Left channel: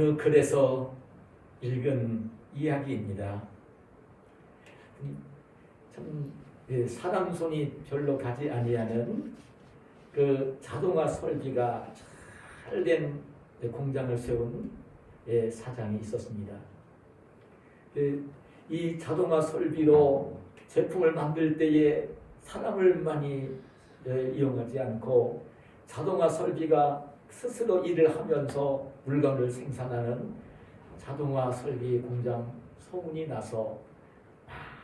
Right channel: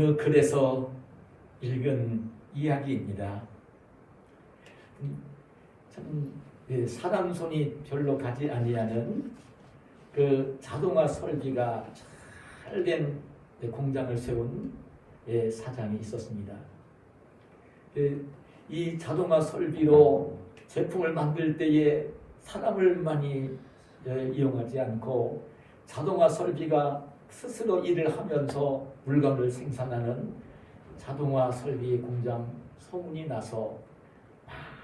어느 글에서 읽은 이야기입니다. 참 사람 손이 별로 가지 아니하는 그 자동화 설비가 잘된 공장을 세운 사장이 있었습니다. 이 자동화 설비로 제품을 만들 때에 사람을 많이 이용하지 않고 자동화 설비가 스스로 일을 하면서 물건을 생산하는 자동화 설비 공장 소문이 나서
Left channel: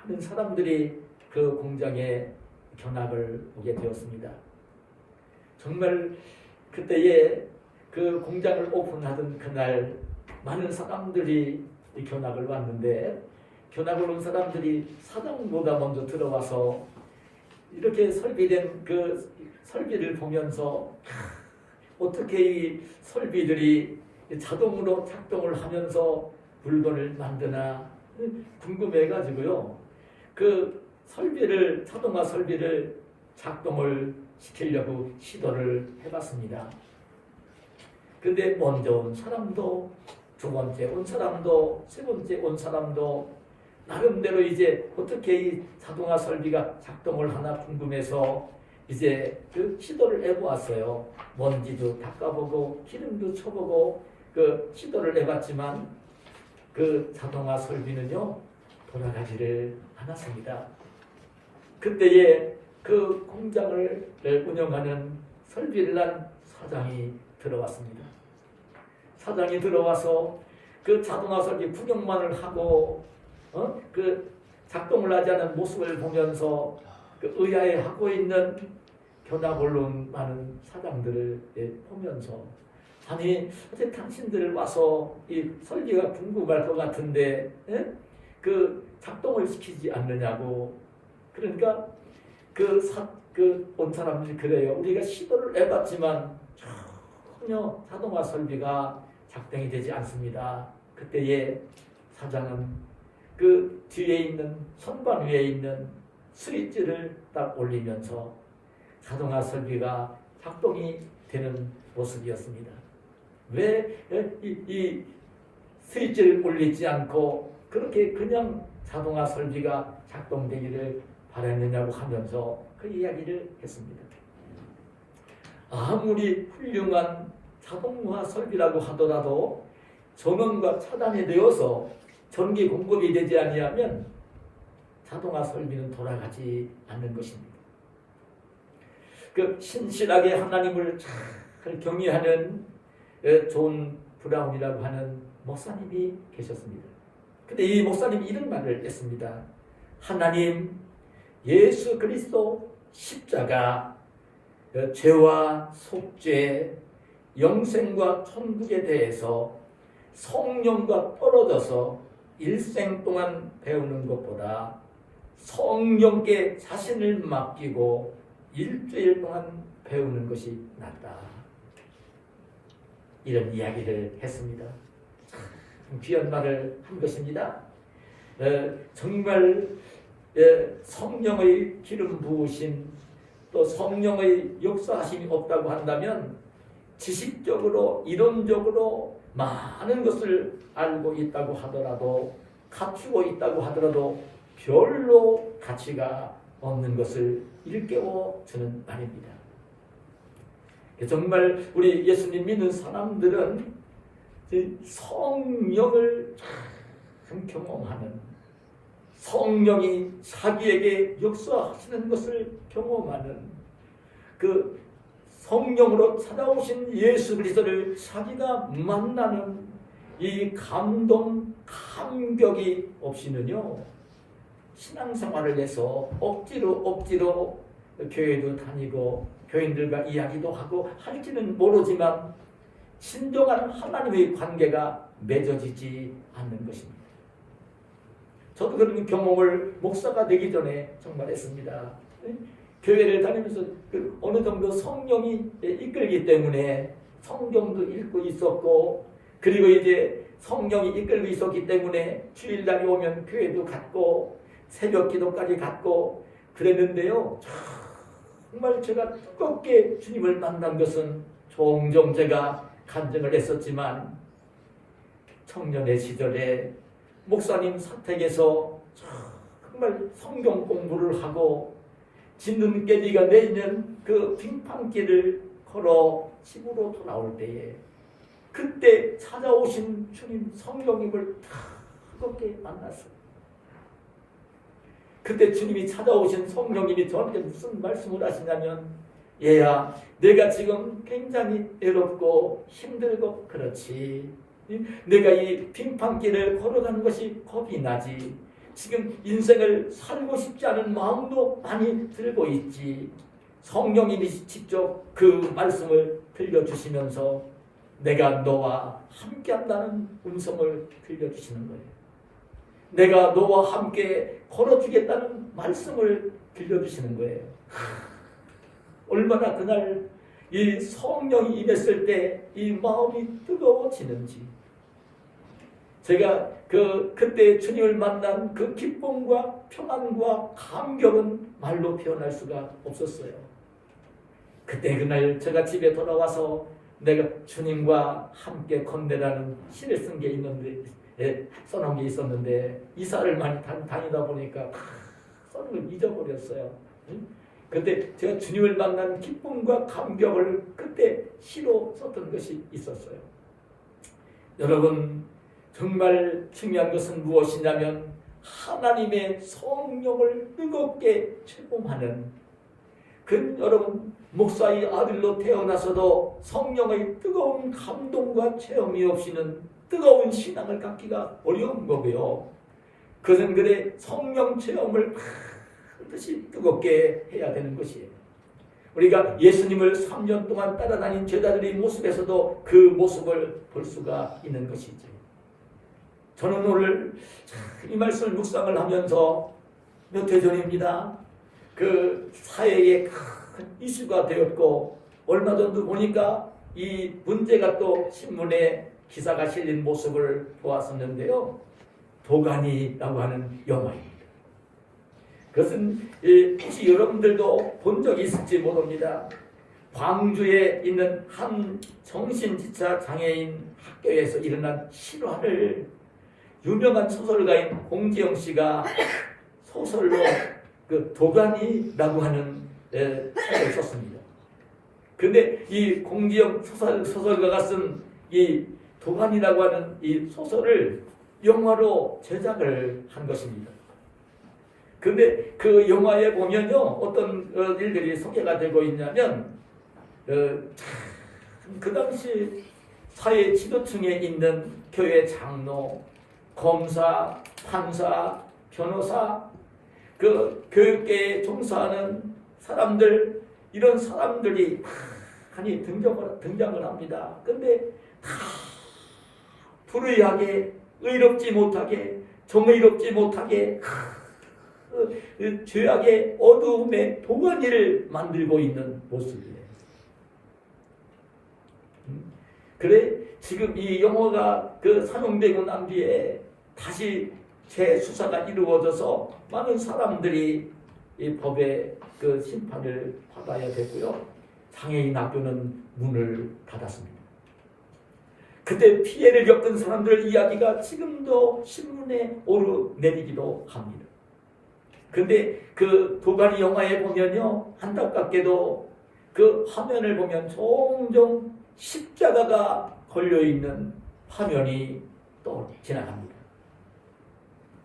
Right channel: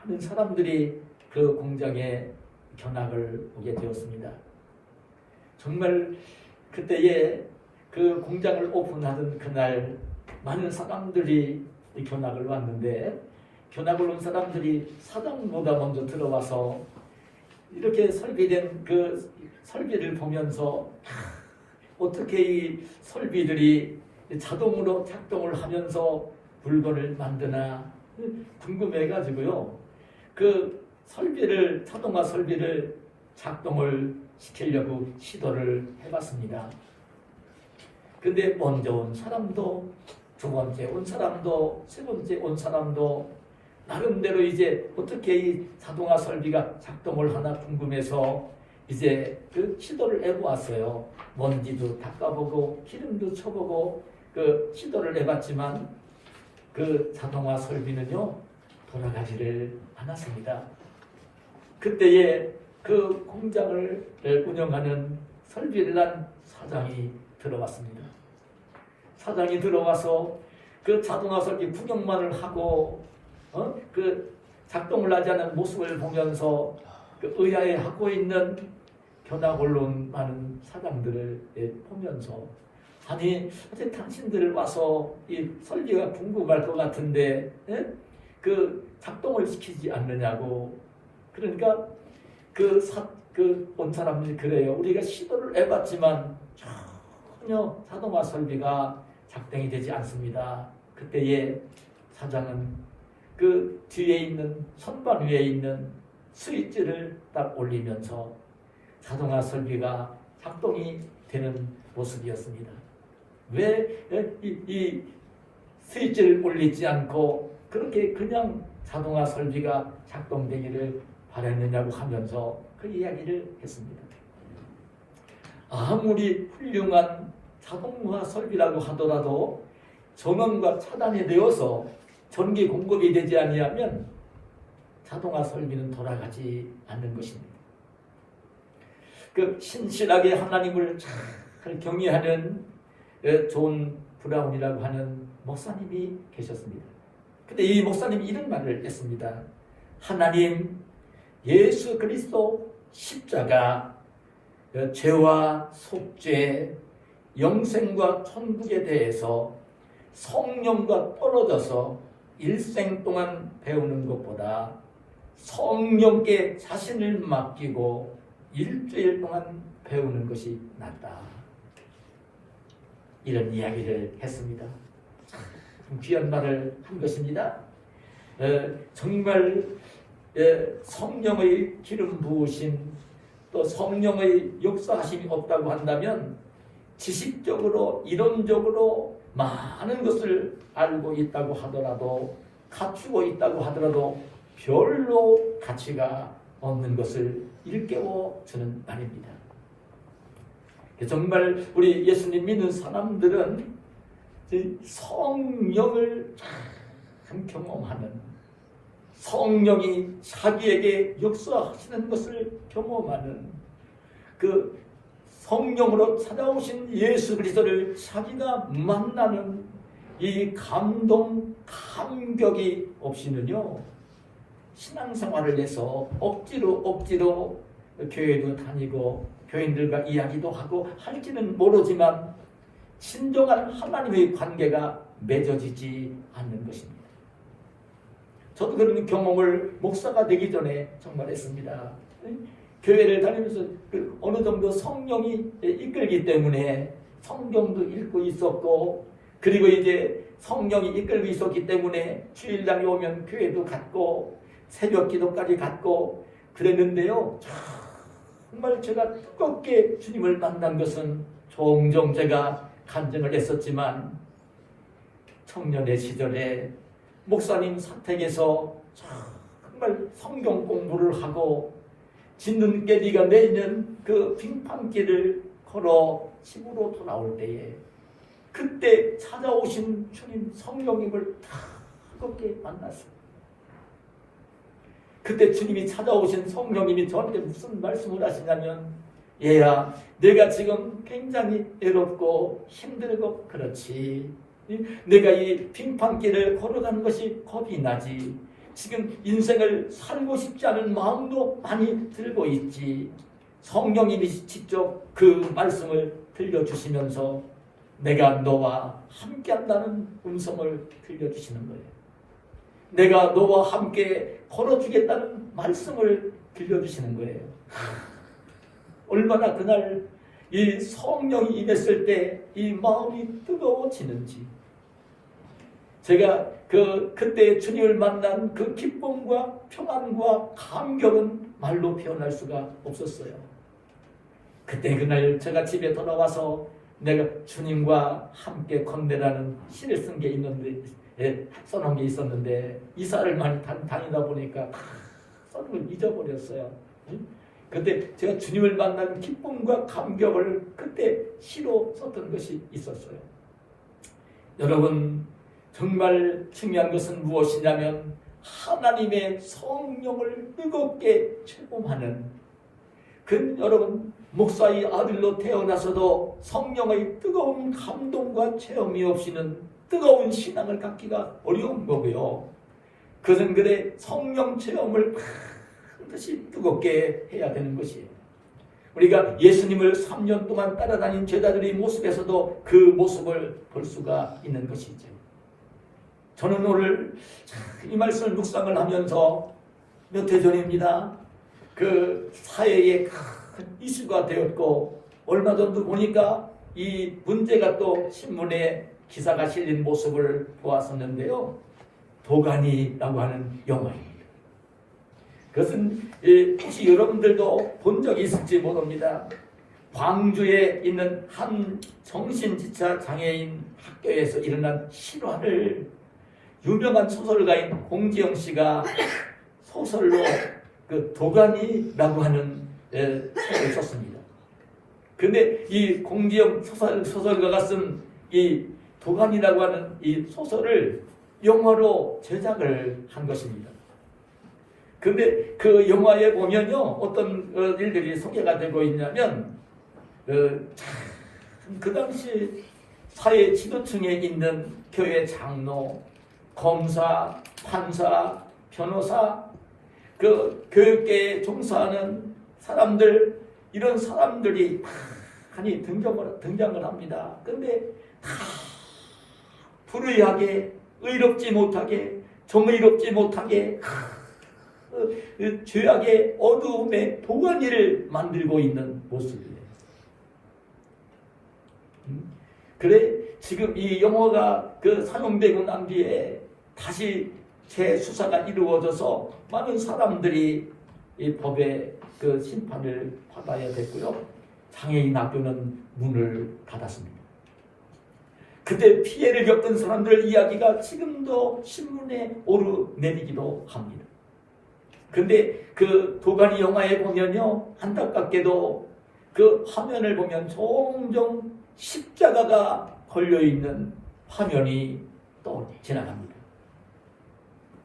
많은 사람들이 그 공장에 견학을 오게 되었습니다. 정말 그때에 그 공장을 오픈하던 그날 많은 사람들이 견학을 왔는데, 견학을 온 사람들이 사장보다 먼저 들어와서 이렇게 설비된 그 설비를 보면서 어떻게 이 설비들이 자동으로 작동을 하면서 물건을 만드나 궁금해가지고요. 그 설비를, 자동화 설비를 작동을 시키려고 시도를 해봤습니다. 근데 먼저 온 사람도, 두 번째 온 사람도, 세 번째 온 사람도 나름대로 이제 어떻게 이 자동화 설비가 작동을 하나 궁금해서 이제 그 시도를 해보았어요. 먼지도 닦아보고 기름도 쳐보고 그 시도를 해봤지만 그 자동화 설비는요 돌아가지를 않았습니다. 그때에 그 공장을 운영하는 설비란 사장이 들어왔습니다. 사장이 들어와서 그 자동화 설비 구경만을 하고 그 작동을 하지 않은 모습을 보면서 그 의아해하고 있는 견학을 온 많은 사장들을 보면서, 아니 어제 당신들 와서 이 설비가 궁금할 것 같은데 그 작동을 시키지 않느냐고. 그러니까 그 온 사람들이 그래요. 우리가 시도를 해봤지만 전혀 자동화 설비가 작동이 되지 않습니다. 그때에 사장은 그 뒤에 있는 선반 위에 있는 스위치를 딱 올리면서 자동화 설비가 작동이 되는 모습이었습니다. 왜 이 스위치를 올리지 않고 그렇게 그냥 자동화 설비가 작동되기를 바라느냐고 하면서 그 이야기를 했습니다. 아무리 훌륭한 자동화 설비라고 하더라도 전원과 차단이 되어서 전기 공급이 되지 아니하면 자동화 설비는 돌아가지 않는 것입니다. 그 신실하게 하나님을 잘 경외하는 존 브라운이라고 하는 목사님이 계셨습니다. 근데 이 목사님이 이런 말을 했습니다. 하나님, 예수 그리스도 십자가, 죄와 속죄, 영생과 천국에 대해서 성령과 떨어져서 일생 동안 배우는 것보다 성령께 자신을 맡기고 일주일 동안 배우는 것이 낫다. 이런 이야기를 했습니다. 참 귀한 말을 한 것입니다. 정말 성령의 기름 부으심, 또 성령의 역사하심이 없다고 한다면 지식적으로 이론적으로 많은 것을 알고 있다고 하더라도, 갖추고 있다고 하더라도 별로 가치가 없는 것을 일깨워 주는 말입니다. 정말 우리 예수님 믿는 사람들은 성령을 참 경험하는, 성령이 자기에게 역사하시는 것을 경험하는, 그 성령으로 찾아오신 예수 그리스도를 자기가 만나는 이 감동, 감격이 없이는요 신앙생활을 해서 억지로 교회도 다니고 교인들과 이야기도 하고 할지는 모르지만 진정한 하나님의 관계가 맺어지지 않는 것입니다. 저도 그런 경험을 목사가 되기 전에 정말 했습니다. 교회를 다니면서 어느 정도 성령이 이끌기 때문에 성경도 읽고 있었고, 그리고 이제 성령이 이끌고 있었기 때문에 주일날이 오면 교회도 갔고 새벽 기도까지 갔고 그랬는데요, 정말 제가 뜨겁게 주님을 만난 것은 종종 제가 간증을 했었지만 청년의 시절에 목사님 사택에서 정말 성경 공부를 하고 진눈깨비가 내리는 그 빙판길을 걸어 집으로 돌아올 때에 그때 찾아오신 주님 성령님을 뜨겁게 만났어요. 그때 주님이 찾아오신 성령님이 저한테 무슨 말씀을 하시냐면, 얘야, 내가 지금 굉장히 외롭고 힘들고 그렇지. 내가 이 빙판길을 걸어가는 것이 겁이 나지. 지금 인생을 살고 싶지 않은 마음도 많이 들고 있지. 성령님이 직접 그 말씀을 들려주시면서 내가 너와 함께한다는 음성을 들려주시는 거예요. 내가 너와 함께 걸어주겠다는 말씀을 들려주시는 거예요. 얼마나 그날 이 성령이 임했을 때 이 마음이 뜨거워지는지. 제가 그때 주님을 만난 그 기쁨과 평안과 감격은 말로 표현할 수가 없었어요. 그때 그날 제가 집에 돌아와서 내가 주님과 함께 건네라는 시를 쓴 게 있는데, 써놓은 게 있었는데 이사를 많이 다니다 보니까 써놓은 걸 잊어버렸어요. 그때 제가 주님을 만난 기쁨과 감격을 그때 시로 썼던 것이 있었어요. 여러분, 정말 중요한 것은 무엇이냐면 하나님의 성령을 뜨겁게 체험하는, 여러분, 목사의 아들로 태어나서도 성령의 뜨거운 감동과 체험이 없이는 뜨거운 신앙을 갖기가 어려운 거고요. 그들의 성령 체험을 반드시 뜨겁게 해야 되는 것이에요. 우리가 예수님을 3년 동안 따라다닌 제자들의 모습에서도 그 모습을 볼 수가 있는 것이죠. 저는 오늘 이 말씀을 묵상을 하면서 몇 해 전입니다. 그 사회에 큰 이슈가 되었고, 얼마 전도 보니까 이 문제가 또 신문에 기사가 실린 모습을 보았었는데요. 도가니라고 하는 영화입니다. 그것은 혹시 여러분들도 본 적이 있을지 모릅니다. 광주에 있는 한 정신지차 장애인 학교에서 일어난 실화를 유명한 소설가인 공지영 씨가 소설로 그 도가니라고 하는 책을 썼습니다. 그런데 이 공지영 소설가가 쓴 이 도가니라고 하는 이 소설을 영화로 제작을 한 것입니다. 그런데 그 영화에 보면요, 어떤 일들이 소개가 되고 있냐면, 그 당시 사회 지도층에 있는 교회 장로, 검사, 판사, 변호사, 그 교육계에 종사하는 사람들, 이런 사람들이 많이 등장을 합니다. 그런데 다 불의하게, 의롭지 못하게, 정의롭지 못하게, 죄악의 어두움의 도가니를 만들고 있는 모습이에요. 그래 지금 이 영화가 상영되고 난 뒤에 다시 재수사가 이루어져서 많은 사람들이 이 법의 심판을 받아야 됐고요. 장애인 학교는 문을 닫았습니다. 그때 피해를 겪은 사람들 이야기가 지금도 신문에 오르내리기도 합니다. 그런데 그 도가니 영화에 보면요, 안타깝게도 그 화면을 보면 종종 십자가가 걸려있는 화면이 또 지나갑니다.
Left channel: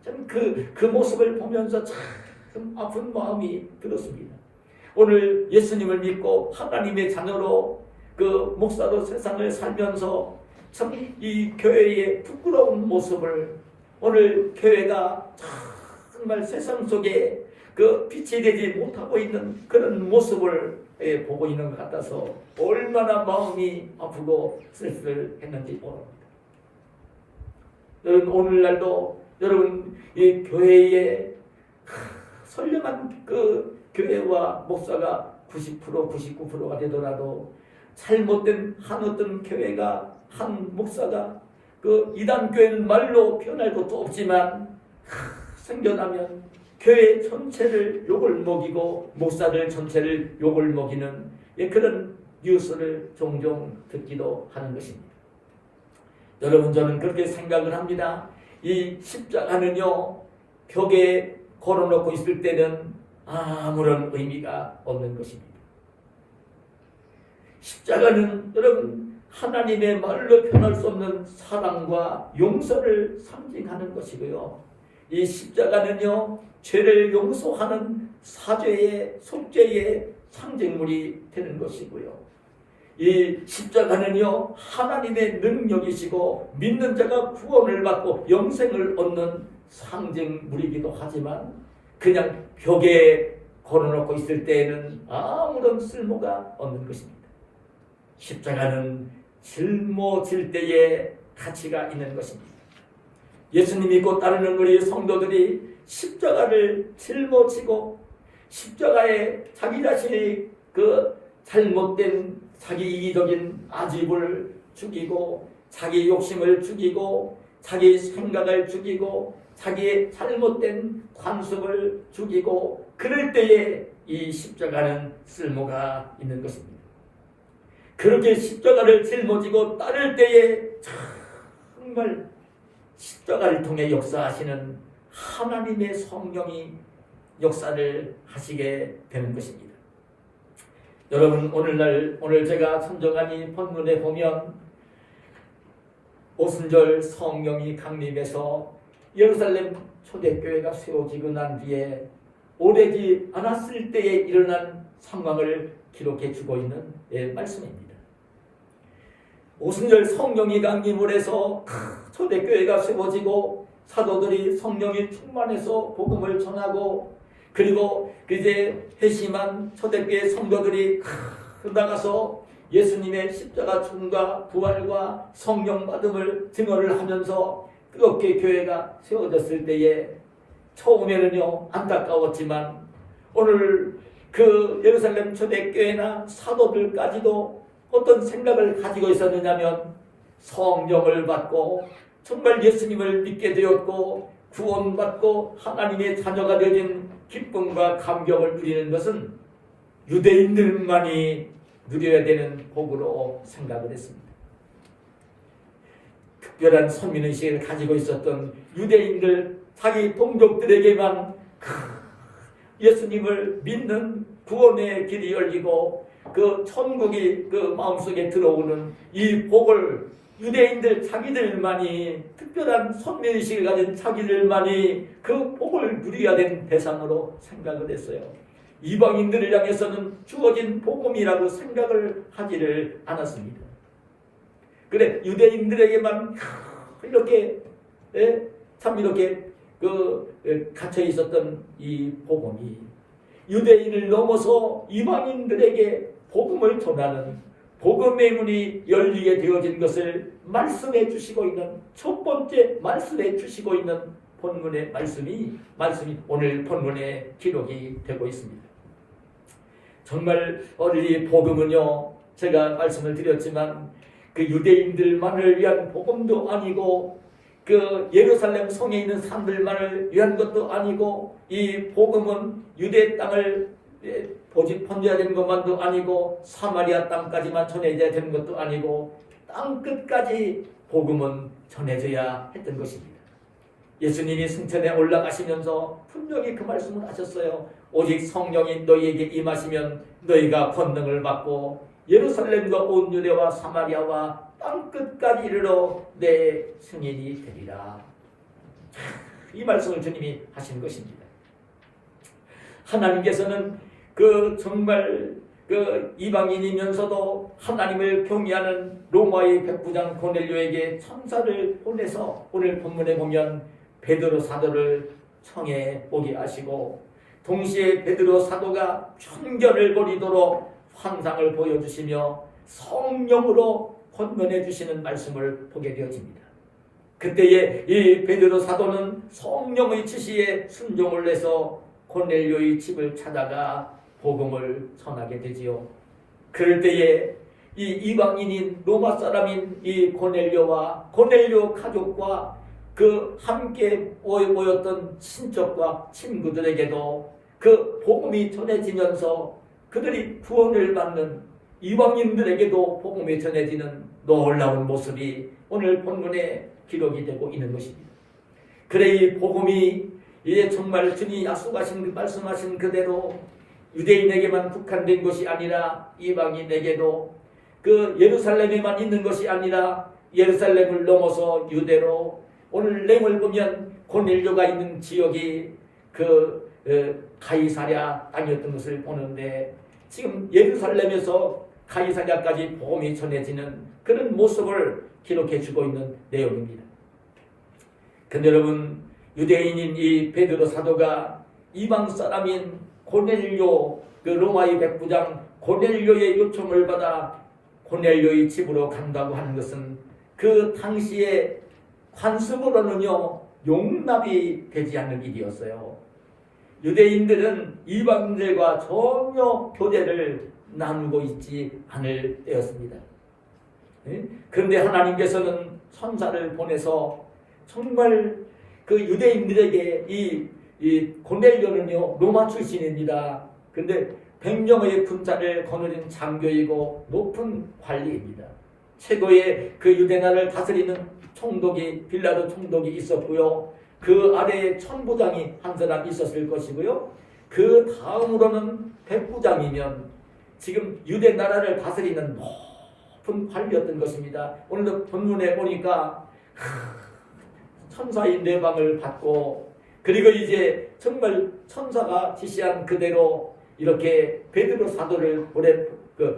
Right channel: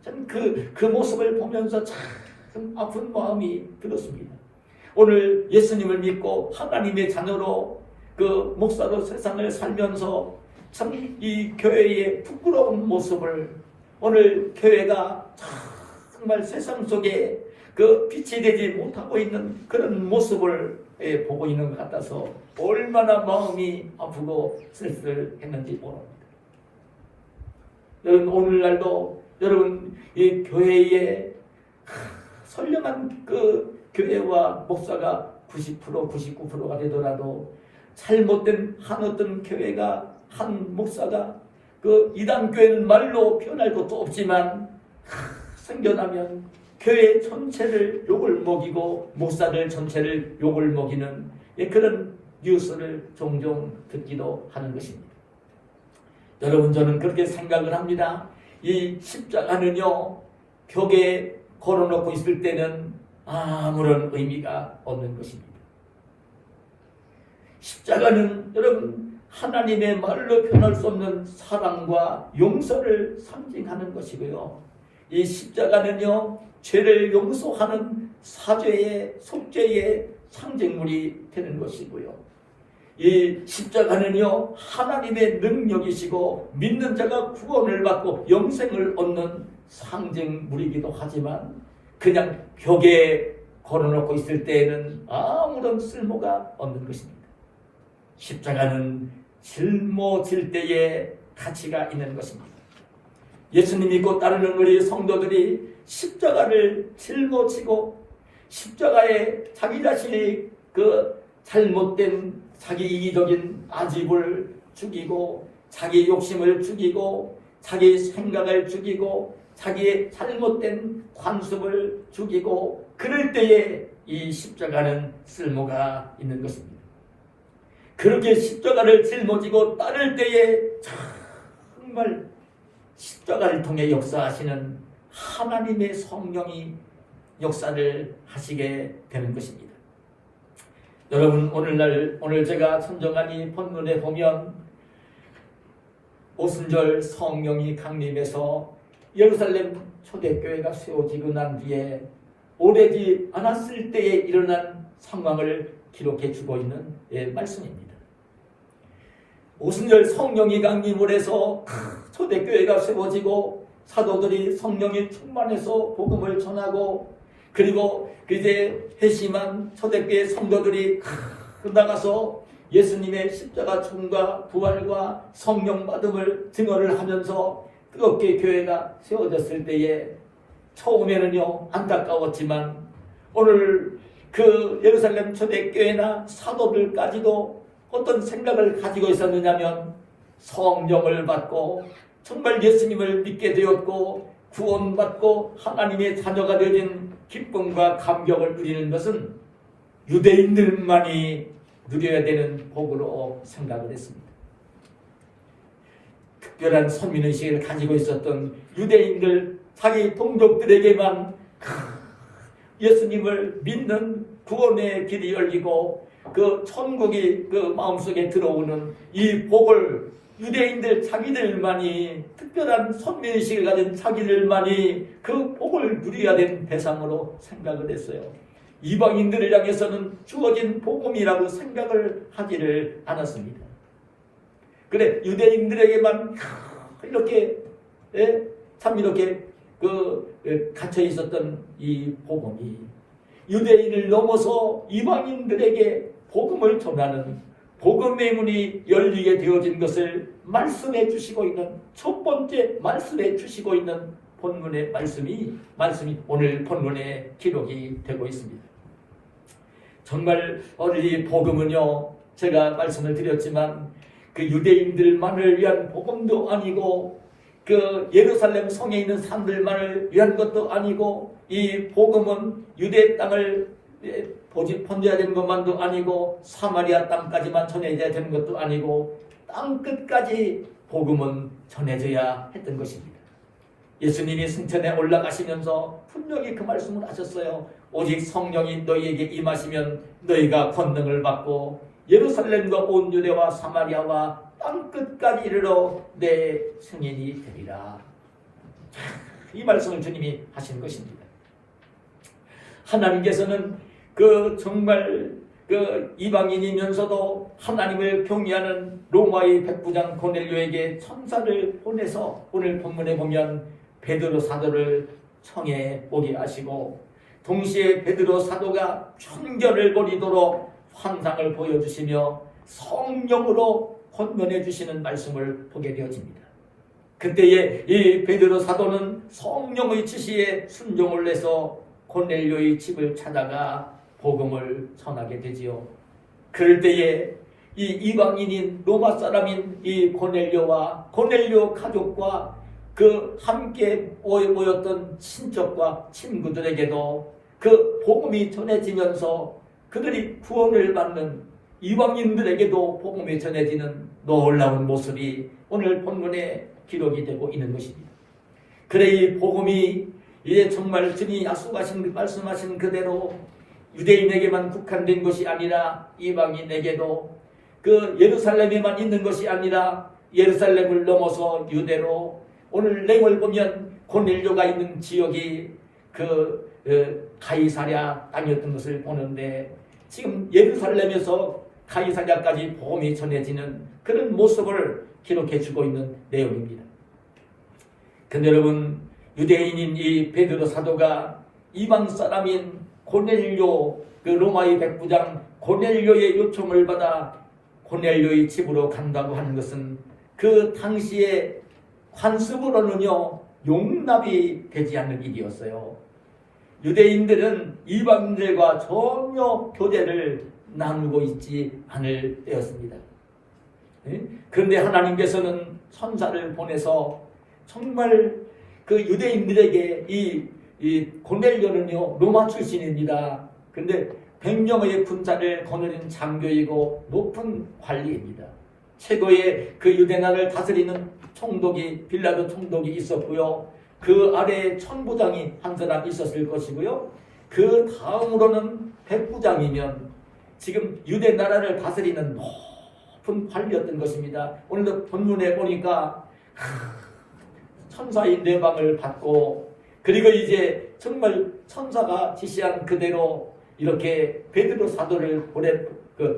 저는 그 모습을 보면서 참 아픈 마음이 들었습니다. 오늘 예수님을 믿고 하나님의 자녀로 그 목사도 세상을 살면서 참 이 교회의 부끄러운 모습을, 오늘 교회가 정말 세상 속에 그 빛이 되지 못하고 있는 그런 모습을 보고 있는 것 같아서 얼마나 마음이 아프고 쓸쓸했는지 모릅니다. 여러분, 오늘날도 여러분 이 교회에 선량한 그 교회와 목사가 90%, 99%가 되더라도 잘못된 한 어떤 교회가, 한 목사가 그 이단 교회는 말로 표현할 것도 없지만 생겨나면 교회 전체를 욕을 먹이고 목사들 전체를 욕을 먹이는 그런 뉴스를 종종 듣기도 하는 것입니다. 여러분, 저는 그렇게 생각을 합니다. 이 십자가는요, 벽에 걸어놓고 있을 때는 아무런 의미가 없는 것입니다. 십자가는 여러분, 하나님의 말로 표현할 수 없는 사랑과 용서를 상징하는 것이고요. 이 십자가는요, 죄를 용서하는 사죄의 속죄의 상징물이 되는 것이고요. 이 십자가는요, 하나님의 능력이시고 믿는 자가 구원을 받고 영생을 얻는 상징물이기도 하지만 그냥 벽에 걸어놓고 있을 때에는 아무런 쓸모가 없는 것입니다. 십자가는 짊어질 때에 가치가 있는 것입니다. 예수님 믿고 따르는 우리 성도들이 십자가를 짊어지고 십자가에 자기 자신이 그 잘못된 자기 이기적인 아집을 죽이고 자기 욕심을 죽이고 자기 생각을 죽이고 자기의 잘못된 관습을 죽이고 그럴 때에 이 십자가는 쓸모가 있는 것입니다. 그렇게 십자가를 짊어지고 따를 때에 정말 십자가를 통해 역사하시는 하나님의 성령이 역사를 하시게 되는 것입니다. 여러분, 오늘 제가 선정한 이 본문에 보면 오순절 성령이 강림해서 예루살렘 초대교회가 세워지고 난 뒤에 오래지 않았을 때에 일어난 상황을 기록해 주고 있는 말씀입니다. 오순절 성령이 강림을 해서 초대교회가 세워지고 사도들이 성령이 충만해서 복음을 전하고 그리고 이제 회심한 초대교회 성도들이 나가서 예수님의 십자가 죽음과 부활과 성령 받음을 증언을 하면서 뜨겁게 교회가 세워졌을 때에 처음에는요 안타까웠지만 오늘 그 예루살렘 초대교회나 사도들까지도 어떤 생각을 가지고 있었느냐면 성령을 받고 정말 예수님을 믿게 되었고 구원받고 하나님의 자녀가 되어진 기쁨과 감격을 누리는 것은 유대인들만이 누려야 되는 복으로 생각을 했습니다. 특별한 선민의식을 가지고 있었던 유대인들 자기 동족들에게만 예수님을 믿는 구원의 길이 열리고 그 천국이 그 마음속에 들어오는 이 복을 유대인들 자기들만이 특별한 선민의식을 가진 자기들만이 그 복을 누려야 되는 대상으로 생각을 했어요. 이방인들을 향해서는 주어진 복음이라고 생각을 하지를 않았습니다. 그래 유대인들에게만 이렇게 참 이렇게 갇혀 있었던 이 복음이 유대인을 넘어서 이방인들에게 복음을 전하는 복음의 문이 열리게 되어진 것을 말씀해 주시고 있는 첫 번째 말씀해 주시고 있는 본문의 말씀이 오늘 본문에 기록이 되고 있습니다. 정말 오늘 이 복음은요 제가 말씀을 드렸지만 그 유대인들만을 위한 복음도 아니고 그 예루살렘 성에 있는 사람들만을 위한 것도 아니고 이 복음은 유대 땅을 번져야 되는 것만도 아니고 사마리아 땅까지만 전해져야 되는 것도 아니고 땅 끝까지 복음은 전해져야 했던 것입니다. 예수님이 승천에 올라가시면서 분명히 그 말씀을 하셨어요. 오직 성령이 너희에게 임하시면 너희가 권능을 받고 예루살렘과 온 유대와 사마리아와 땅 끝까지 이르러 내 증인이 되리라. 이 말씀을 주님이 하신 것입니다. 하나님께서는 그 정말 그 이방인이면서도 하나님을 경외하는 로마의 백부장 고넬료에게 천사를 보내서 오늘 본문에 보면 베드로 사도를 청해 오게 하시고 동시에 베드로 사도가 천견을 벌이도록 환상을 보여주시며 성령으로 권면해 주시는 말씀을 보게 되어집니다. 그때에 이 베드로 사도는 성령의 지시에 순종을 해서 고넬료의 집을 찾아가 복음을 전하게 되지요. 그럴 때에 이 이방인인 로마 사람인 이 고넬료와 고넬료 가족과 그 함께 모였던 친척과 친구들에게도 그 복음이 전해지면서 그들이 구원을 받는 이방인들에게도 복음이 전해지는 놀라운 모습이 오늘 본문에 기록이 되고 있는 것입니다. 그래 이 복음이 이제 정말 주님이 약속하신 말씀하신 그대로 유대인에게만 국한된 것이 아니라 이방인에게도 그 예루살렘에만 있는 것이 아니라 예루살렘을 넘어서 유대로 오늘 내용을 보면 고넬료가 있는 지역이 가이사랴 땅이었던 것을 보는데 지금 예루살렘에서 가이사랴까지 복음이 전해지는 그런 모습을 기록해 주고 있는 내용입니다. 근데 여러분 유대인인 이 베드로 사도가 이방 사람인 고넬료 로마의 백부장 고넬료의 요청을 받아 고넬료의 집으로 간다고 하는 것은 그 당시에 관습으로는요 용납이 되지 않는 일이었어요. 유대인들은 이방인들과 전혀 교제를 나누고 있지 않을 때였습니다. 그런데 하나님께서는 천사를 보내서 정말 그 유대인들에게 이 고넬료는요 로마 출신입니다. 그런데 100명의 군사를 거느린 장교이고 높은 관리입니다. 최고의 그 유대나라를 다스리는 총독이 빌라도 총독이 있었고요. 그 아래에 천부장이 한 사람 있었을 것이고요. 그 다음으로는 백부장이면 지금 유대나라를 다스리는 높은 관리였던 것입니다. 오늘도 본문에 보니까 천사의 내방을 받고 그리고 이제 정말 천사가 지시한 그대로 이렇게 베드로 사도를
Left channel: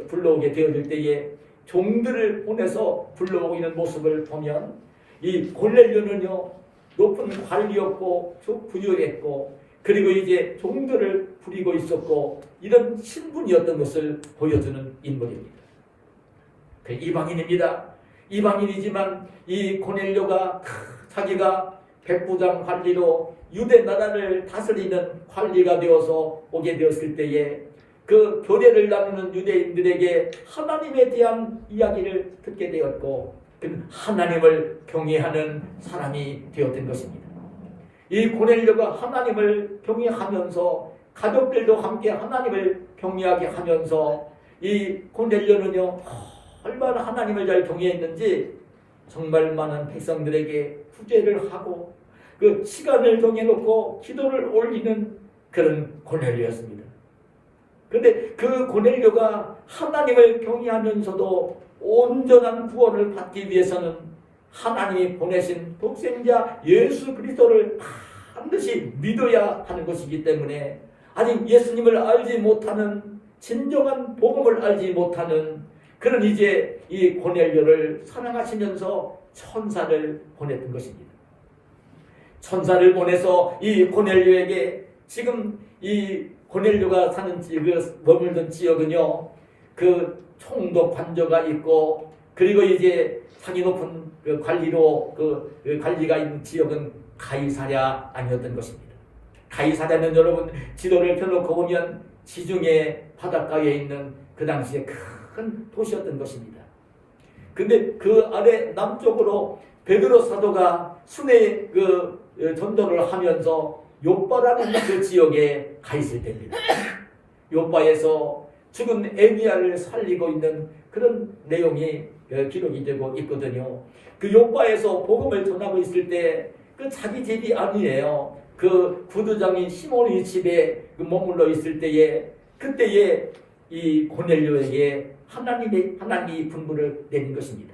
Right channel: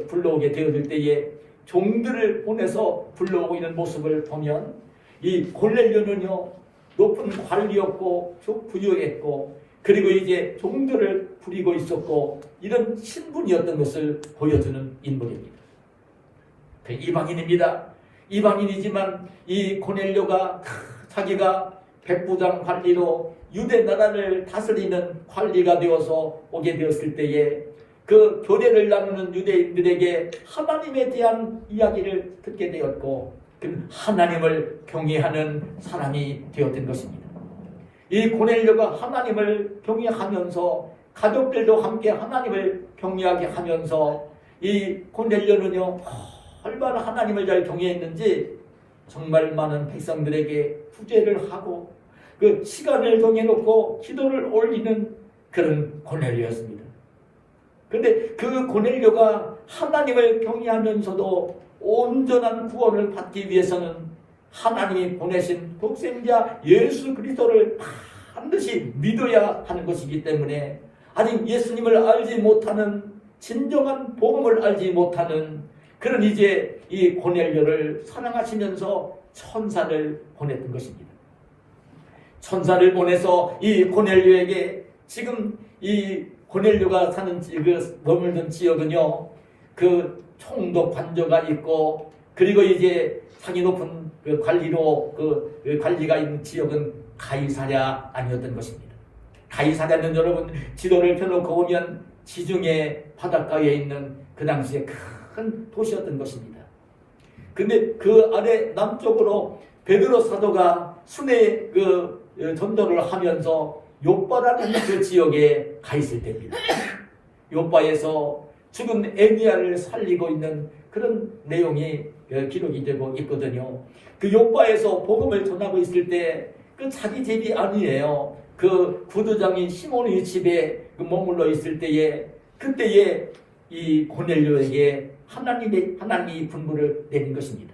불러오게 되어질 때에 종들을 보내서 불러오고 있는 모습을 보면 이 고넬료는요 높은 관리였고 부유했고 그리고 이제 종들을 부리고 있었고 이런 신분이었던 것을 보여주는 인물입니다. 이방인입니다. 이방인이지만 이 고넬료가 자기가 백부장 관리로 유대 나라를 다스리는 관리가 되어서 오게 되었을 때에 그 교례를 나누는 유대인들에게 하나님에 대한 이야기를 듣게 되었고 하나님을 경외하는 사람이 되었던 것입니다. 이 고넬료가 하나님을 경외하면서 가족들도 함께 하나님을 경외하게 하면서 이 고넬료는요 얼마나 하나님을 잘 경외했는지 정말 많은 백성들에게 구제를 하고 그 시간을 정해놓고 기도를 올리는 그런 고넬료였습니다. 그런데 그 고넬료가 하나님을 경외하면서도 온전한 구원을 받기 위해서는 하나님이 보내신 독생자 예수 그리스도를 반드시 믿어야 하는 것이기 때문에 아직 예수님을 알지 못하는 진정한 복음을 알지 못하는 그런 이제 이 고넬료를 사랑하시면서 천사를 보냈던 것입니다. 천사를 보내서 이 고넬료에게 지금 이 고넬료가 사는 머물던 지역은요 그 총독 관저가 있고 그리고 이제 상이 높은 그 관리로 그 관리가 있는 지역은 가이사랴 아니었던 것입니다. 가이사랴는 여러분 지도를 펴놓고 보면 지중해 바닷가에 있는 그 당시에 큰 도시였던 것입니다. 근데 그 아래 남쪽으로 베드로 사도가 순회 전도를 하면서 요빠라는 그 지역에 가 있을 때입니다. 요빠에서 지금 에니야를 살리고 있는 그런 내용이 기록이 되고 있거든요. 그 요빠에서 복음을 전하고 있을 때 그 자기 집이 아니에요. 그 구두장인 시몬의 집에 머물러 있을 때에 그때에 이 고넬료에게 하나님이 분부를 내린 것입니다.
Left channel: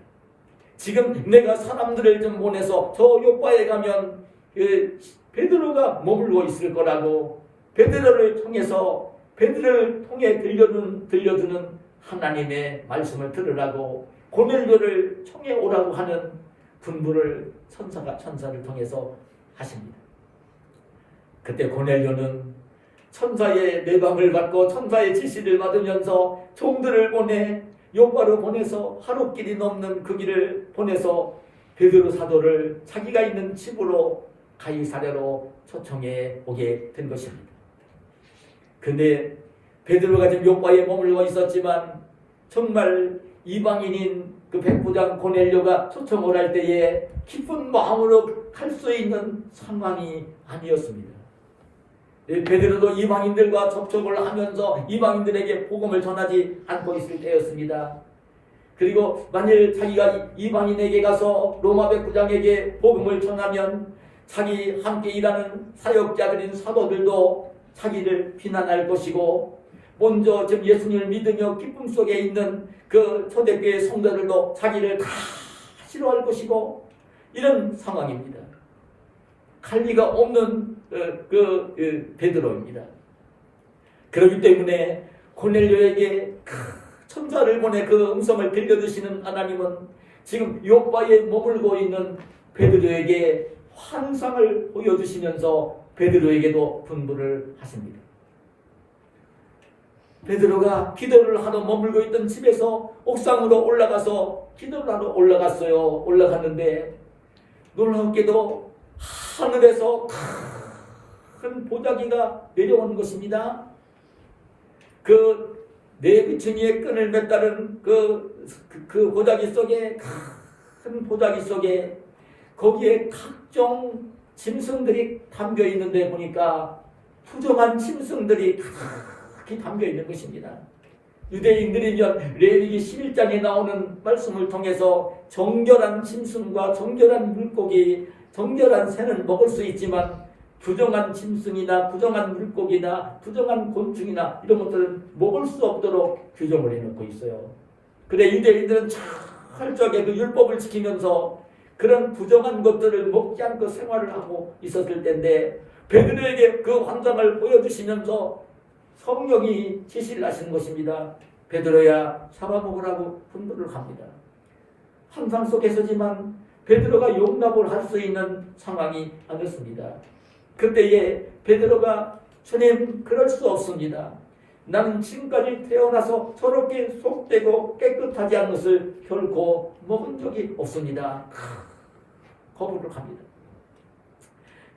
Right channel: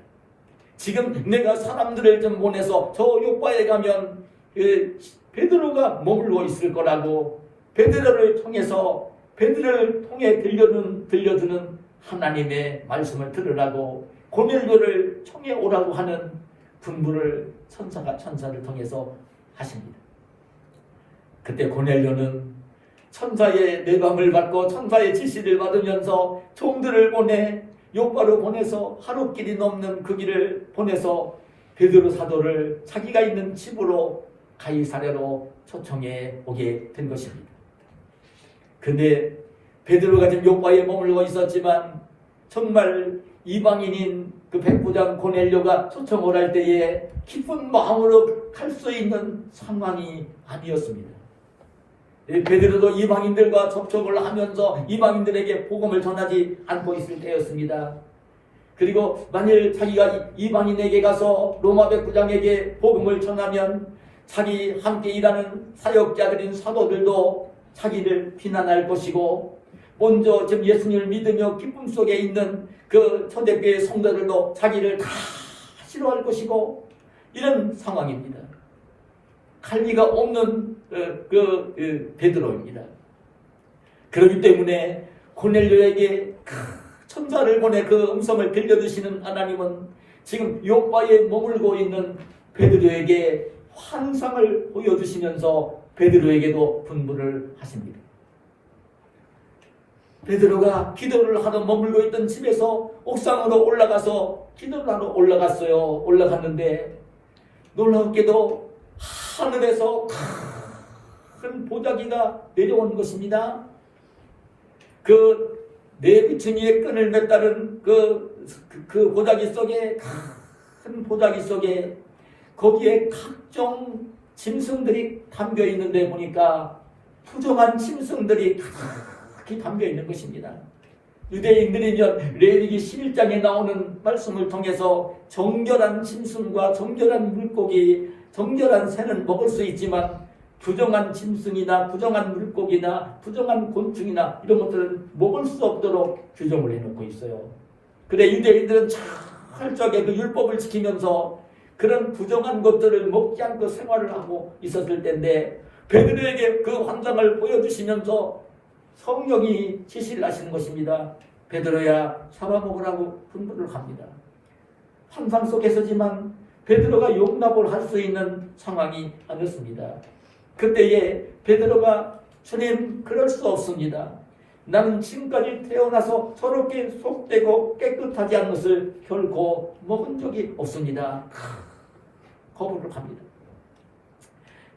지금 내가 사람들을 좀 보내서 저 요빠에 가면 베드로가 머물러 있을 거라고 베드로를 통해 들려주는 하나님의 말씀을 들으라고 고넬료를 청해 오라고 하는 분부를 천사를 통해서 하십니다. 그때 고넬료는 천사의 내방을 받고 천사의 지시를 받으면서 종들을 보내 요빠로 보내서 하루길이 넘는 그 길을 보내서 베드로 사도를 자기가 있는 집으로 가이사랴로 초청해 오게 된 것입니다. 근데 베드로가 지금 요빠에 머물고 있었지만 정말 이방인인 그 백부장 고넬료가 초청을 할 때에 기쁜 마음으로 갈 수 있는 상황이 아니었습니다. 베드로도 이방인들과 접촉을 하면서 이방인들에게 복음을 전하지 않고 있을 때였습니다. 그리고 만일 자기가 이방인에게 가서 로마 백부장에게 복음을 전하면 자기 함께 일하는 사역자들인 사도들도 자기를 비난할 것이고, 먼저 지금 예수님을 믿으며 기쁨 속에 있는 그 초대교회 성도들도 자기를 다 싫어할 것이고, 이런 상황입니다. 갈리가 없는 베드로입니다. 그렇기 때문에 고넬료에게 천사를 보내 그 음성을 들려주시는 하나님은 지금 요바에 머물고 있는 베드로에게 환상을 보여주시면서 베드로에게도 분부를 하십니다. 베드로가 기도를 하러 머물고 있던 집에서 옥상으로 올라가서 기도를 하러 올라갔어요. 올라갔는데 놀랍게도 하늘에서 큰 보자기가 내려온 것입니다. 그 내부층위에 끈을 맸다는 그 보자기 속에, 큰 보자기 속에 거기에 각종 짐승들이 담겨 있는데 보니까 부정한 짐승들이 가득히 담겨 있는 것입니다. 유대인들이면 레위기 11장에 나오는 말씀을 통해서 정결한 짐승과 정결한 물고기, 정결한 새는 먹을 수 있지만 부정한 짐승이나 부정한 물고기나 부정한 곤충이나 이런 것들은 먹을 수 없도록 규정을 해놓고 있어요. 그래 유대인들은 철저하게 그 율법을 지키면서 그런 부정한 것들을 먹지 않고 생활을 하고 있었을 텐데, 베드로에게 그 환상을 보여주시면서 성령이 지시를 하시는 것입니다. 베드로야 잡아먹으라고 분부를 합니다. 환상 속에서지만 베드로가 용납을 할 수 있는 상황이 아니었습니다. 그때에 베드로가 주님 그럴 수 없습니다. 나는 지금까지 태어나서 저렇게 속되고 깨끗하지 않은 것을 결코 먹은 적이 없습니다. 거부를 합니다.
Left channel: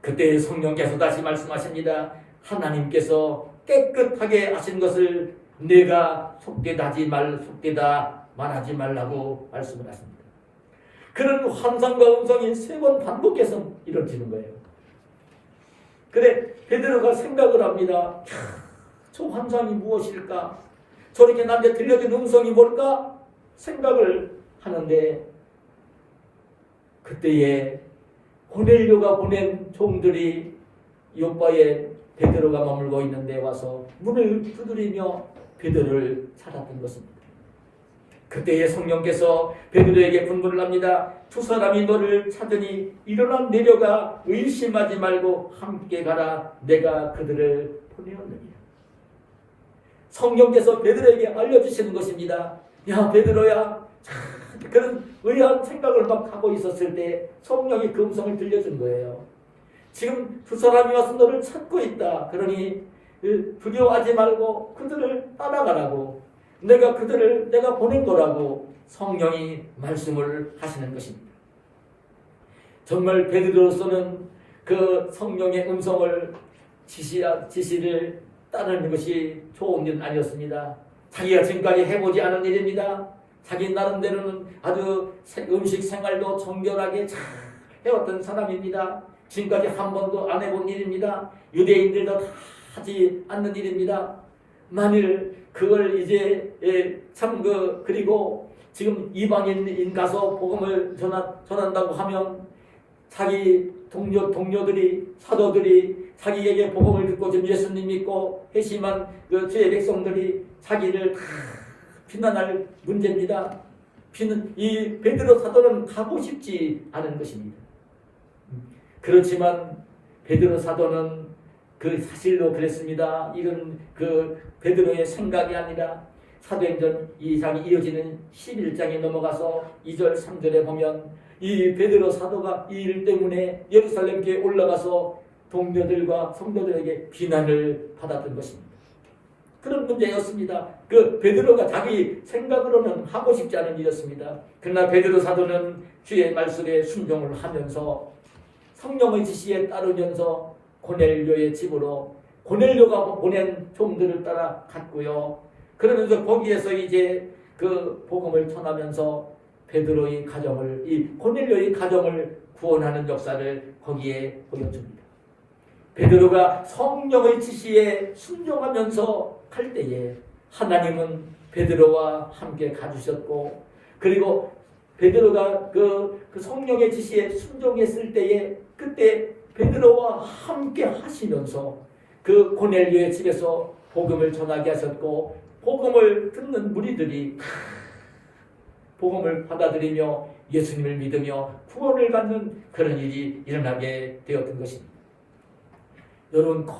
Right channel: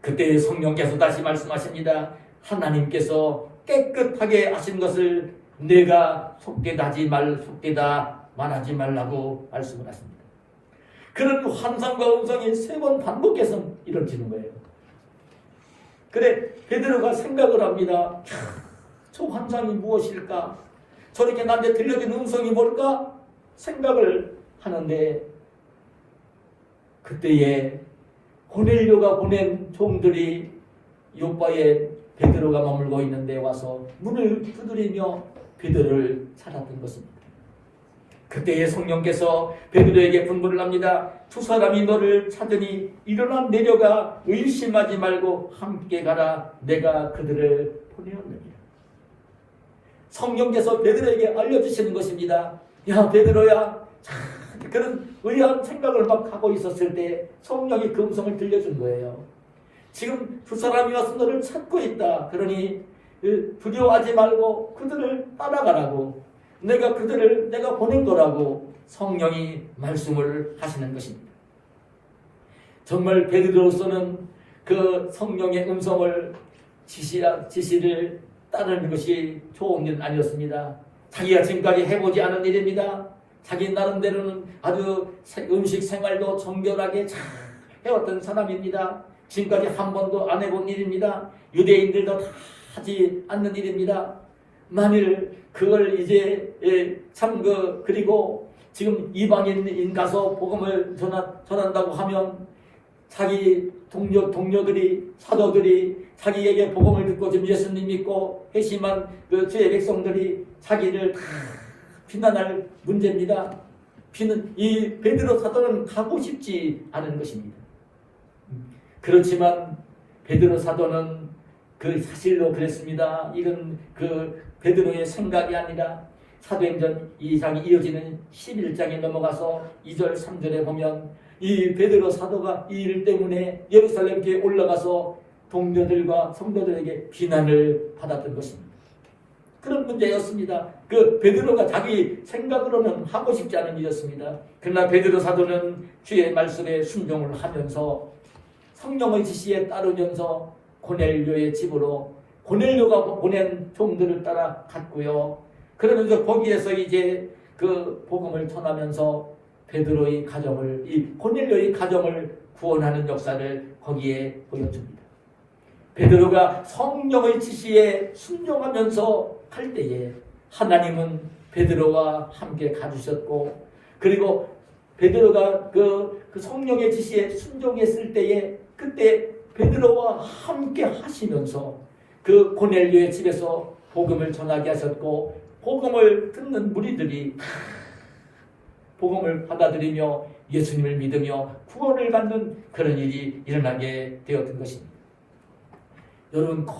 그때 성령께서 다시 말씀하십니다. 하나님께서 깨끗하게 하신 것을 내가 속되다 말하지 말라고 말씀을 하십니다. 그런 환상과 음성이 3번 반복해서 이루어지는 거예요. 그래 베드로가 생각을 합니다. 저 환상이 무엇일까? 저렇게 나한테 들려준 음성이 뭘까? 생각을 하는데 그때에 고넬료가 보낸 종들이 요바에 베드로가 머물고 있는 데 와서 문을 두드리며 베드로를 찾았던 것입니다. 그때에 성령께서 베드로에게 분부를 합니다. 2 사람이 너를 찾으니 일어나 내려가 의심하지 말고 함께 가라. 내가 그들을 보내었느니라. 성령께서 베드로에게 알려주시는 것입니다. 야 베드로야, 그런 의아한 생각을 막 하고 있었을 때 성령이 그 음성을 들려준 거예요. 지금 2 사람이 와서 너를 찾고 있다. 그러니 두려워하지 말고 그들을 따라가라고, 내가 보낼 거라고 성령이 말씀을 하시는 것입니다. 정말 베드로로서는 그 성령의 음성을 지시를 따르는 것이 좋은 일은 아니었습니다. 자기가 지금까지 해보지 않은 일입니다. 자기 나름대로는 아주 음식 생활도 정결하게 잘 해왔던 사람입니다. 지금까지 한 번도 안 해본 일입니다. 유대인들도 다 하지 않는 일입니다. 만일 그걸 이제 그리고 지금 이방인 가서 복음을 전한다고 하면 자기 동료들이, 사도들이 자기에게 복음을 듣고 지금 예수님 믿고 회심한 그 주의 백성들이 자기를 다 비난할 문제입니다. 이 베드로 사도는 가고 싶지 않은 것입니다. 그렇지만 베드로 사도는 그 사실로 그랬습니다. 이건 그 베드로의 생각이 아니라 사도행전 2장이 이어지는 11장에 넘어가서 2절 3절에 보면 이 베드로 사도가 이 일 때문에 예루살렘 교회에 올라가서 동료들과 성도들에게 비난을 받았던 것입니다. 그런 문제였습니다. 그 베드로가 자기 생각으로는 하고 싶지 않은 일이었습니다. 그러나 베드로 사도는 주의 말씀에 순종을 하면서 성령의 지시에 따르면서 고넬료의 집으로 고넬료가 보낸 종들을 따라 갔고요. 그러면서 거기에서 이제 그 복음을 전하면서 베드로의 가정을, 이 고넬료의 가정을 구원하는 역사를 거기에 보여줍니다. 베드로가 성령의 지시에 순종하면서 갈 때에 하나님은 베드로와 함께 가주셨고 그리고 베드로가 그 성령의 지시에 순종했을 때에 그때 베드로와 함께 하시면서 그 고넬료의 집에서 복음을 전하게 하셨고 복음을 듣는 무리들이 복음을 받아들이며 예수님을 믿으며 구원을 받는 그런 일이 일어나게 되었던 것입니다. 여러분 꼭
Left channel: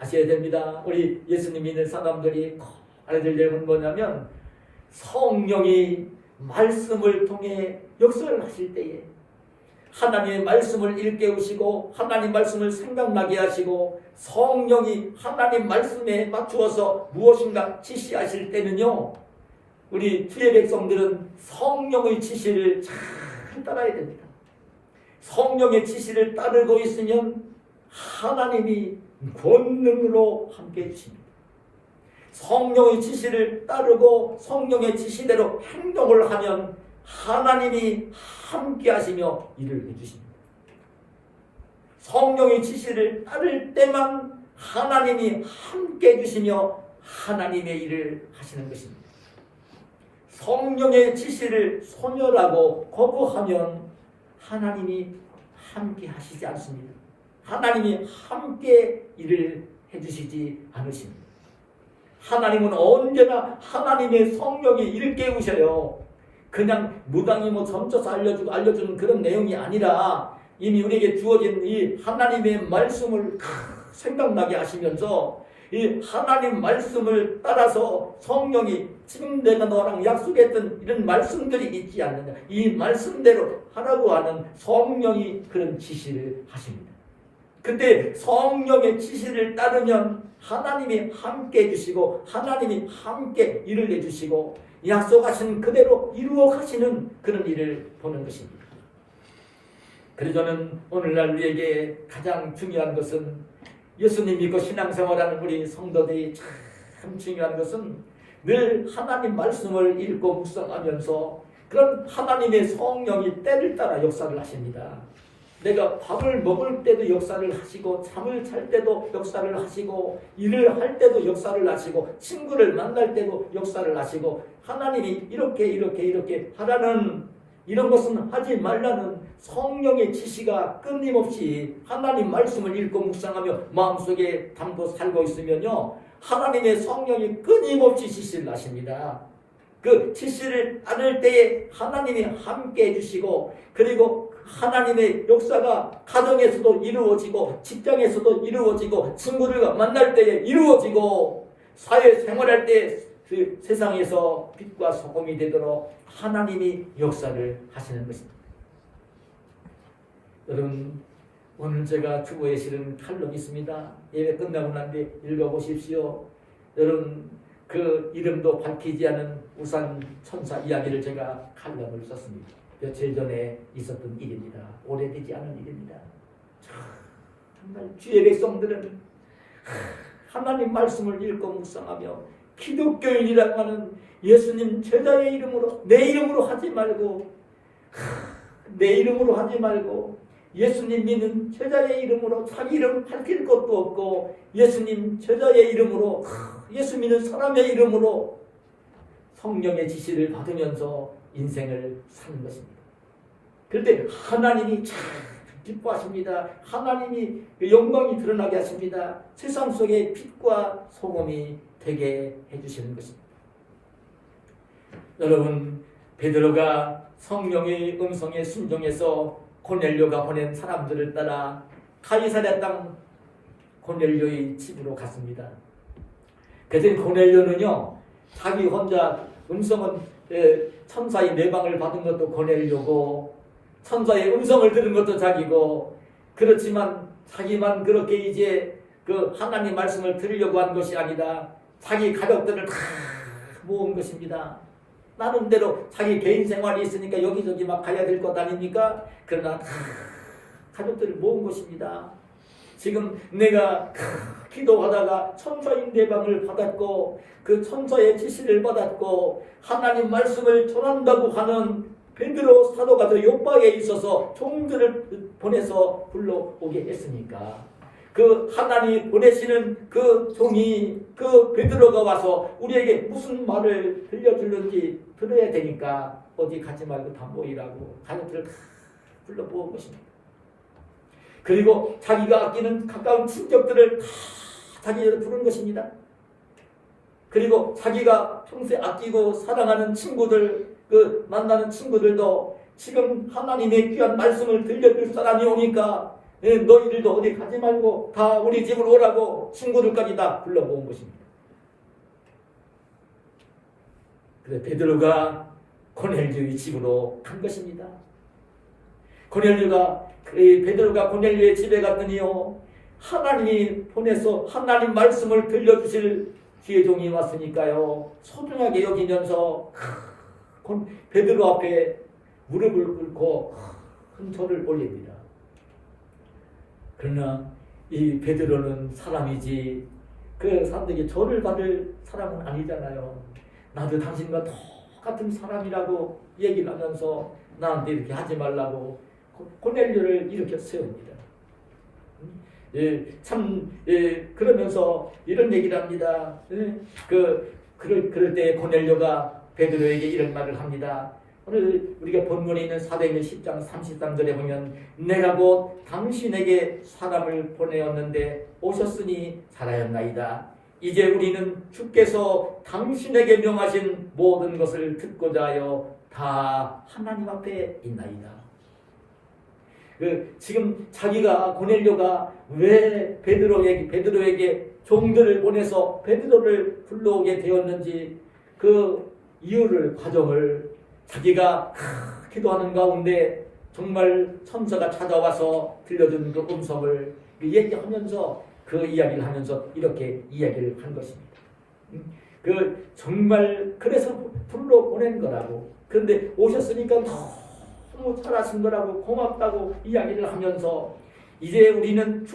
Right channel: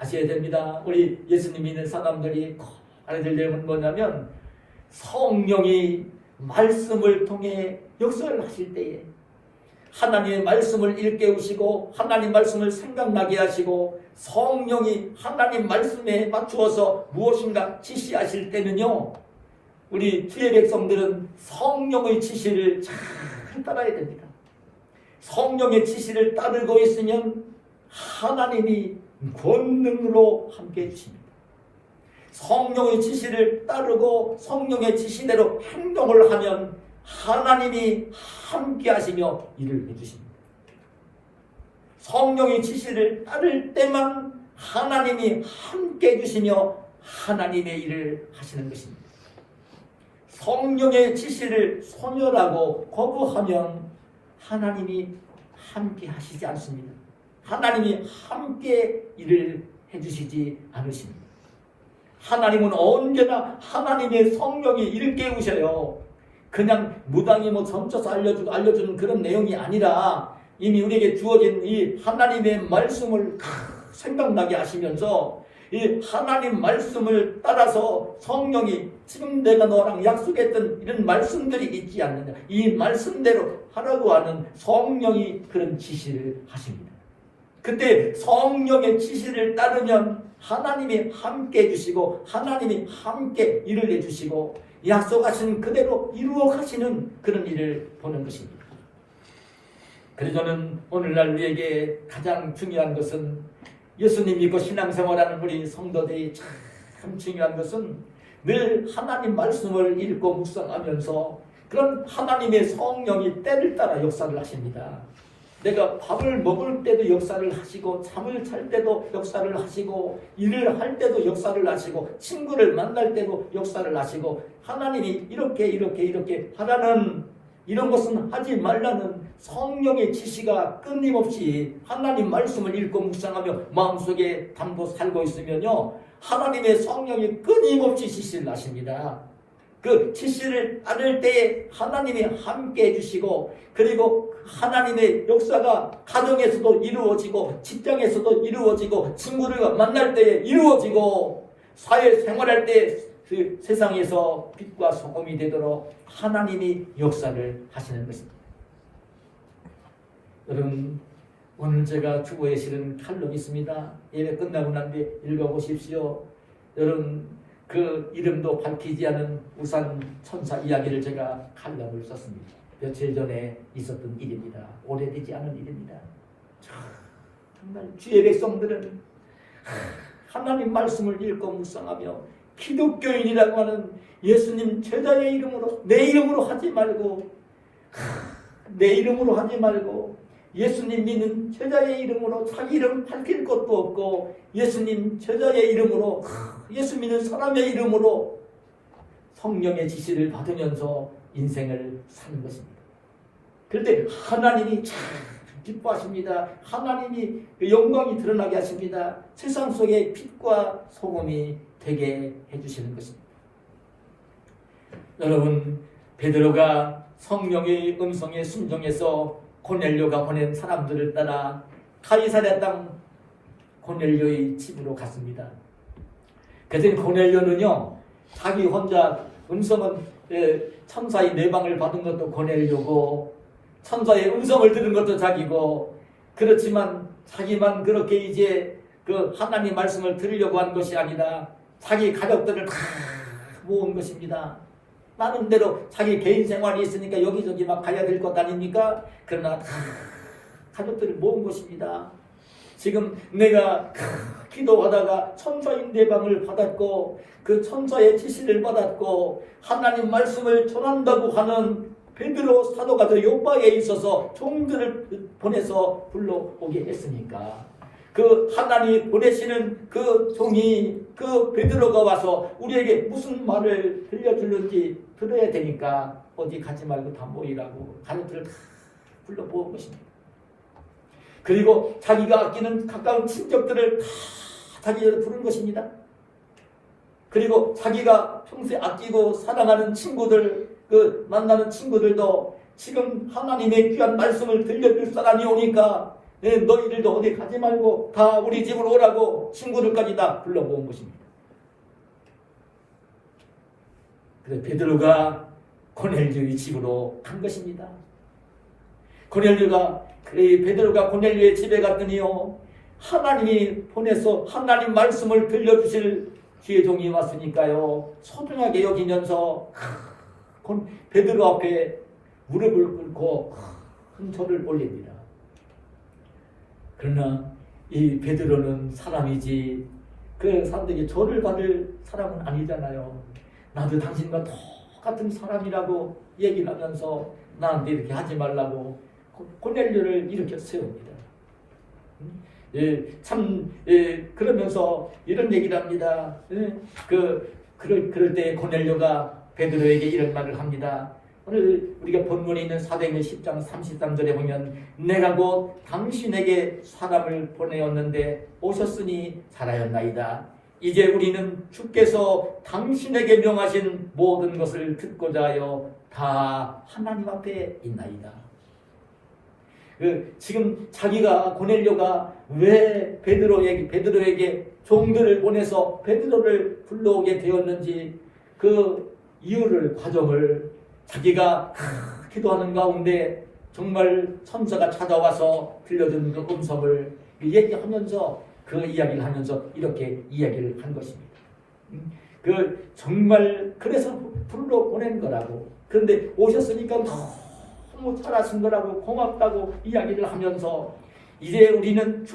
아셔야 됩니다. 우리 예수님 믿는 사람들이 꼭 알아야 될 점은 뭐냐면 성령이 말씀을 통해 역사를 하실 때에 하나님의 말씀을 일깨우시고 하나님 말씀을 생각나게 하시고 성령이 하나님 말씀에 맞추어서 무엇인가 지시하실 때는요, 우리 주의 백성들은 성령의 지시를 잘 따라야 됩니다. 성령의 지시를 따르고 있으면 하나님이 권능으로 함께해 주십니다. 성령의 지시를 따르고 성령의 지시대로 행동을 하면 하나님이 함께 하시며 일을 해주십니다. 성령의 지시를 따를 때만 하나님이 함께 해주시며 하나님의 일을 하시는 것입니다. 성령의 지시를 소멸하고 거부하면 하나님이 함께 하시지 않습니다. 하나님이 함께 일을 해주시지 않으십니다. 하나님은 언제나 하나님의 성령이 일깨우셔요. 그냥 무당이 점쳐서 알려주는 그런 내용이 아니라 이미 우리에게 주어진 이 하나님의 말씀을 생각나게 하시면서 이 하나님 말씀을 따라서 성령이 지금 내가 너랑 약속했던 이런 말씀들이 있지 않느냐, 이 말씀대로 하라고 하는 성령이 그런 지시를 하십니다. 그때 성령의 지시를 따르면 하나님이 함께 해주시고 하나님이 함께 일을 해주시고 약속하신 그대로 이루어 가시는 그런 일을 보는 것입니다. 그래서 저는 오늘날 우리에게 가장 중요한 것은 예수님 믿고 신앙생활하는 우리 성도들이 참 중요한 것은 늘 하나님 말씀을 읽고 묵상하면서 그런 하나님의 성령이 때를 따라 역사를 하십니다. 내가 밥을 먹을 때도 역사를 하시고 잠을 잘 때도 역사를 하시고 일을 할 때도 역사를 하시고 친구를 만날 때도 역사를 하시고 하나님이 이렇게 하라는 이런 것은 하지 말라는 성령의 지시가 끊임없이 하나님 말씀을 읽고 묵상하며 마음속에 담고 살고 있으면요, 하나님의 성령이 끊임없이 지시를 하십니다. 그 지시를 따를 때에 하나님이 함께 해주시고 그리고 하나님의 역사가 가정에서도 이루어지고 직장에서도 이루어지고 친구들과 만날 때에 이루어지고 사회생활할 때 그 세상에서 빛과 소금이 되도록 하나님이 역사를 하시는 것입니다. 여러분, 오늘 제가 주보에 실은 칼럼이 있습니다. 예배 끝나고 난 뒤에 읽어보십시오. 여러분, 그 이름도 밝히지 않은 우산 천사 이야기를 제가 칼럼을 썼습니다. 며칠 전에 있었던 일입니다. 오래되지 않은 일입니다. 정말 주의 백성들은 하나님 말씀을 읽고 묵상하며 기독교인이라고 하는 예수님 제자의 이름으로 내 이름으로 하지 말고 예수님 믿는 제자의 이름으로 자기 이름 밝힐 것도 없고 예수님 제자의 이름으로 예수 믿는 사람의 이름으로 성령의 지시를 받으면서 인생을 사는 것입니다. 그런데 하나님이 참 기뻐하십니다. 하나님이 영광이 드러나게 하십니다. 세상 속에 빛과 소금이 되게 해주시는 것입니다. 여러분, 베드로가 성령의 음성에 순종해서 고넬료가 보낸 사람들을 따라 가이사랴 땅 고넬료의 집으로 갔습니다. 그때 고넬료는요, 자기 혼자 음성은 천사의 내방을 받은 것도 고넬료고 천사의 음성을 들은 것도 자기고, 그렇지만 자기만 그렇게 이제 그 하나님 말씀을 들으려고 한 것이 아니라 자기 가족들을 다 모은 것입니다. 나름대로 자기 개인 생활이 있으니까 여기저기 막 가야 될 것 아닙니까? 그러나 다 가족들을 모은 것입니다. 지금 내가 기도하다가 천사의 내방을 받았고 그 천사의 지시를 받았고 하나님 말씀을 전한다고 하는 베드로 사도가 저 요바에 있어서 종들을 보내서 불러오게 했으니까 그 하나님 보내시는 그 종이 그 베드로가 와서 우리에게 무슨 말을 들려주는지 들어야 되니까 어디 가지 말고 다 모이라고 가족들을 다 불러 모은 것입니다. 그리고 자기가 아끼는 가까운 친척들을 다 자기를 부른 것입니다. 그리고 자기가 평소에 아끼고 사랑하는 친구들, 그 만나는 친구들도 지금 하나님의 귀한 말씀을 들려줄 사람이 오니까 너희들도 어디 가지 말고 다 우리 집으로 오라고 친구들까지 다 불러 모은 것입니다. 그래서 베드로가 고넬료의 집으로 간 것입니다. 베드로가 고넬료의 집에 갔더니요, 하나님이 보내서 하나님 말씀을 들려주실 기회종이 왔으니까요, 소중하게 여기면서 베드로 앞에 무릎을 꿇고 큰 소리를 올립니다. 그러나 이 베드로는 사람이지 그 사람들에게 절을 받을 사람은 아니잖아요. 나도 당신과 똑같은 사람이라고 얘기를 하면서 나한테 이렇게 하지 말라고 고넬료를 이렇게 세웁니다. 그러면서 이런 얘기를 합니다. 그럴 때 고넬료가 베드로에게 이런 말을 합니다. 오늘 우리가 본문에 있는 사도행전 10장 33절에 보면 내가 곧 당신에게 사람을 보내었는데 오셨으니 잘하였나이다. 이제 우리는 주께서 당신에게 명하신 모든 것을 듣고자 하여 다 하나님 앞에 있나이다. 지금 자기가 고넬료가 왜 베드로에게 종들을 보내서 베드로를 불러오게 되었는지 그 이유를 과정을 자기가 기도하는 가운데 정말 천사가 찾아와서 들려준 그 음성을 얘기하면서 그 이야기를 하면서 이렇게 이야기를 한 것입니다. 정말 그래서 불러 보낸 거라고. 그런데 오셨으니까 너무 잘하신 거라고 고맙다고 이야기를 하면서 이제 우리는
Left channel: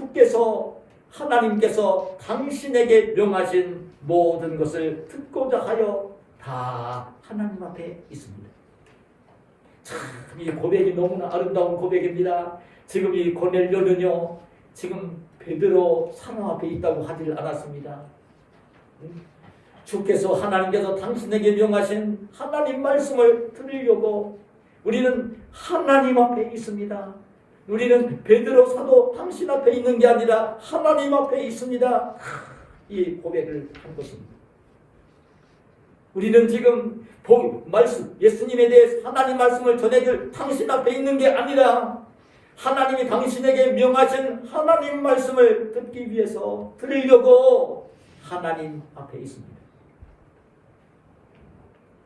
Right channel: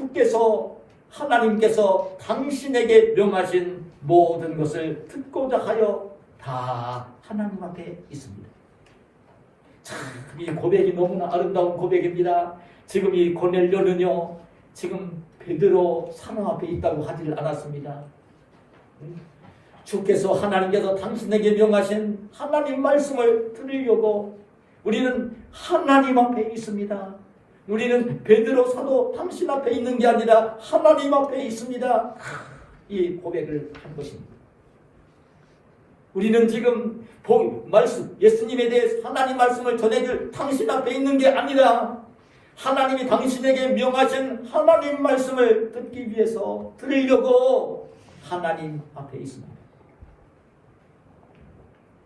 하나님께서 당신에게 명하신 모든 것을 듣고자 하여 다 하나님 앞에 있습니다. 참, 이 고백이 너무나 아름다운 고백입니다. 지금 이 고넬료는요, 지금 베드로 사람 앞에 있다고 하지를 않았습니다. 하나님께서 당신에게 명하신 하나님 말씀을 들으려고 우리는 하나님 앞에 있습니다. 우리는 베드로 사도 당신 앞에 있는 게 아니라 하나님 앞에 있습니다. 이 고백을 한 것입니다. 우리는 지금 예수님에 대해서 하나님 말씀을 전해줄 당신 앞에 있는 게 아니라 하나님이 당신에게 명하신 하나님 말씀을 듣기 위해서 들으려고 하나님 앞에 있습니다.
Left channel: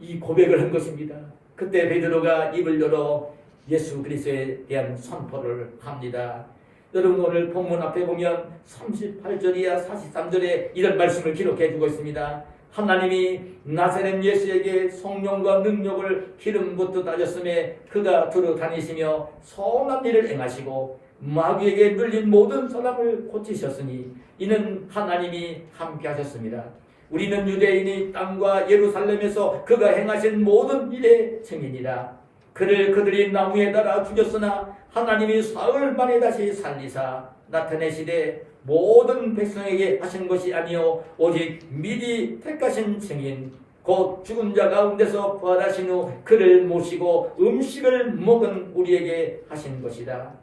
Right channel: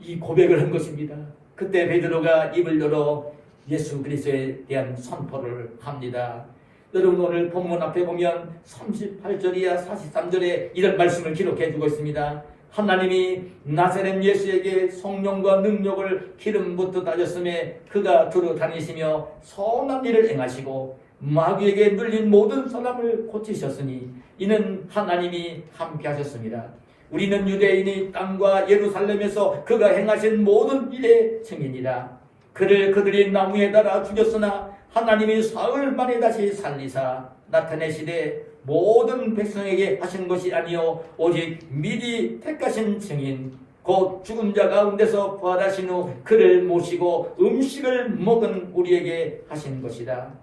이 고백을 한 것입니다. 그때 베드로가 입을 열어 예수 그리스도에 대한 선포를 합니다. 여러분 오늘 본문 앞에 보면 38절이야 43절에 이런 말씀을 기록해 주고 있습니다. 하나님이 나사렛 예수에게 성령과 능력을 기름 붓듯 하셨음에 그가 두루 다니시며 선한 일을 행하시고 마귀에게 눌린 모든 사람을 고치셨으니 이는 하나님이 함께 하셨습니다. 우리는 유대인이 땅과 예루살렘에서 그가 행하신 모든 일의 증인이라. 그를 그들이 나무에 달아 죽였으나 하나님이 사흘 만에 다시 살리사 나타내시되 모든 백성에게 하신 것이 아니요 오직 미리 택하신 증인 곧 죽은 자 가운데서 부활하신 후 그를 모시고 음식을 먹은 우리에게 하신 것이다.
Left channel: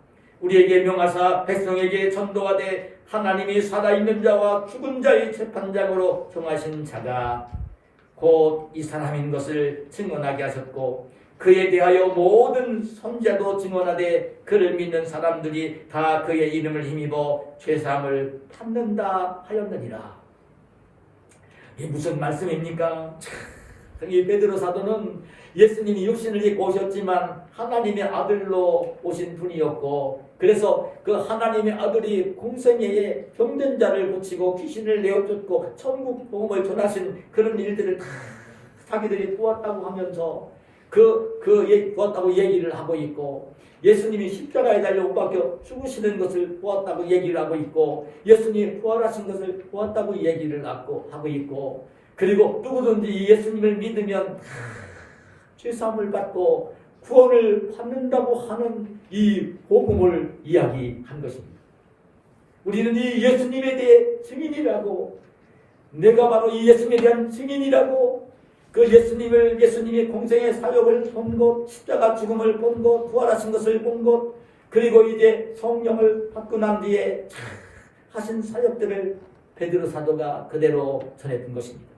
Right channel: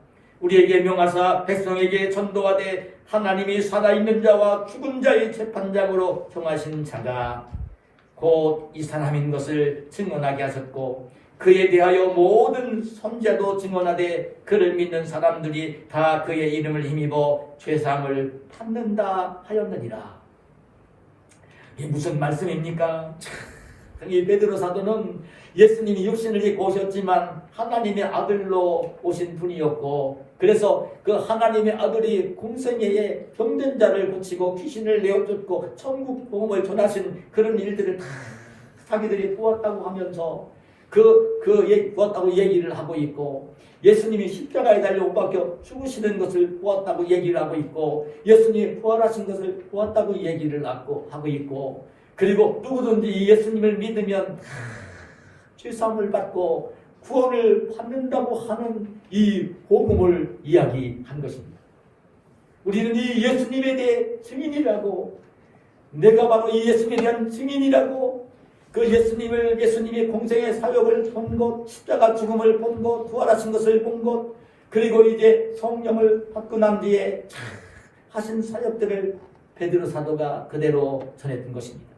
우리에게 명하사 백성에게 전도하되 하나님이 살아있는 자와 죽은 자의 재판장으로 정하신 자가 곧 이 사람인 것을 증언하게 하셨고 그에 대하여 모든 선자도 증언하되 그를 믿는 사람들이 다 그의 이름을 힘입어 죄사함을 받는다 하였느니라. 이 무슨 말씀입니까? 이 베드로 사도는 예수님이 육신을 입고 오셨지만 하나님의 아들로 오신 분이었고 그래서 그 하나님의 아들이 공생애에 병든 자를 고치고 귀신을 내어쫓고 천국 복음을 전하신 그런 일들을 다 자기들이 보았다고 하면서 보았다고 얘기를 하고 있고 예수님이 십자가에 달려 못 박혀 죽으시는 것을 보았다고 얘기를 하고 있고 예수님이 부활하신 것을 보았다고 얘기를 하고 있고 그리고 누구든지 예수님을 믿으면 죄사함을 받고 구원을 받는다고 하는 이 복음을 이야기한 것입니다. 우리는 이 예수님에 대해 증인이라고 내가 바로 이 예수님에 대한 증인이라고 그 예수님의 공생의 사역을 본 것, 십자가 죽음을 본 것, 부활하신 것을 본 것, 그리고 이제 성령을 받고 난 뒤에 하신 사역들을 베드로 사도가 그대로 전했던 것입니다.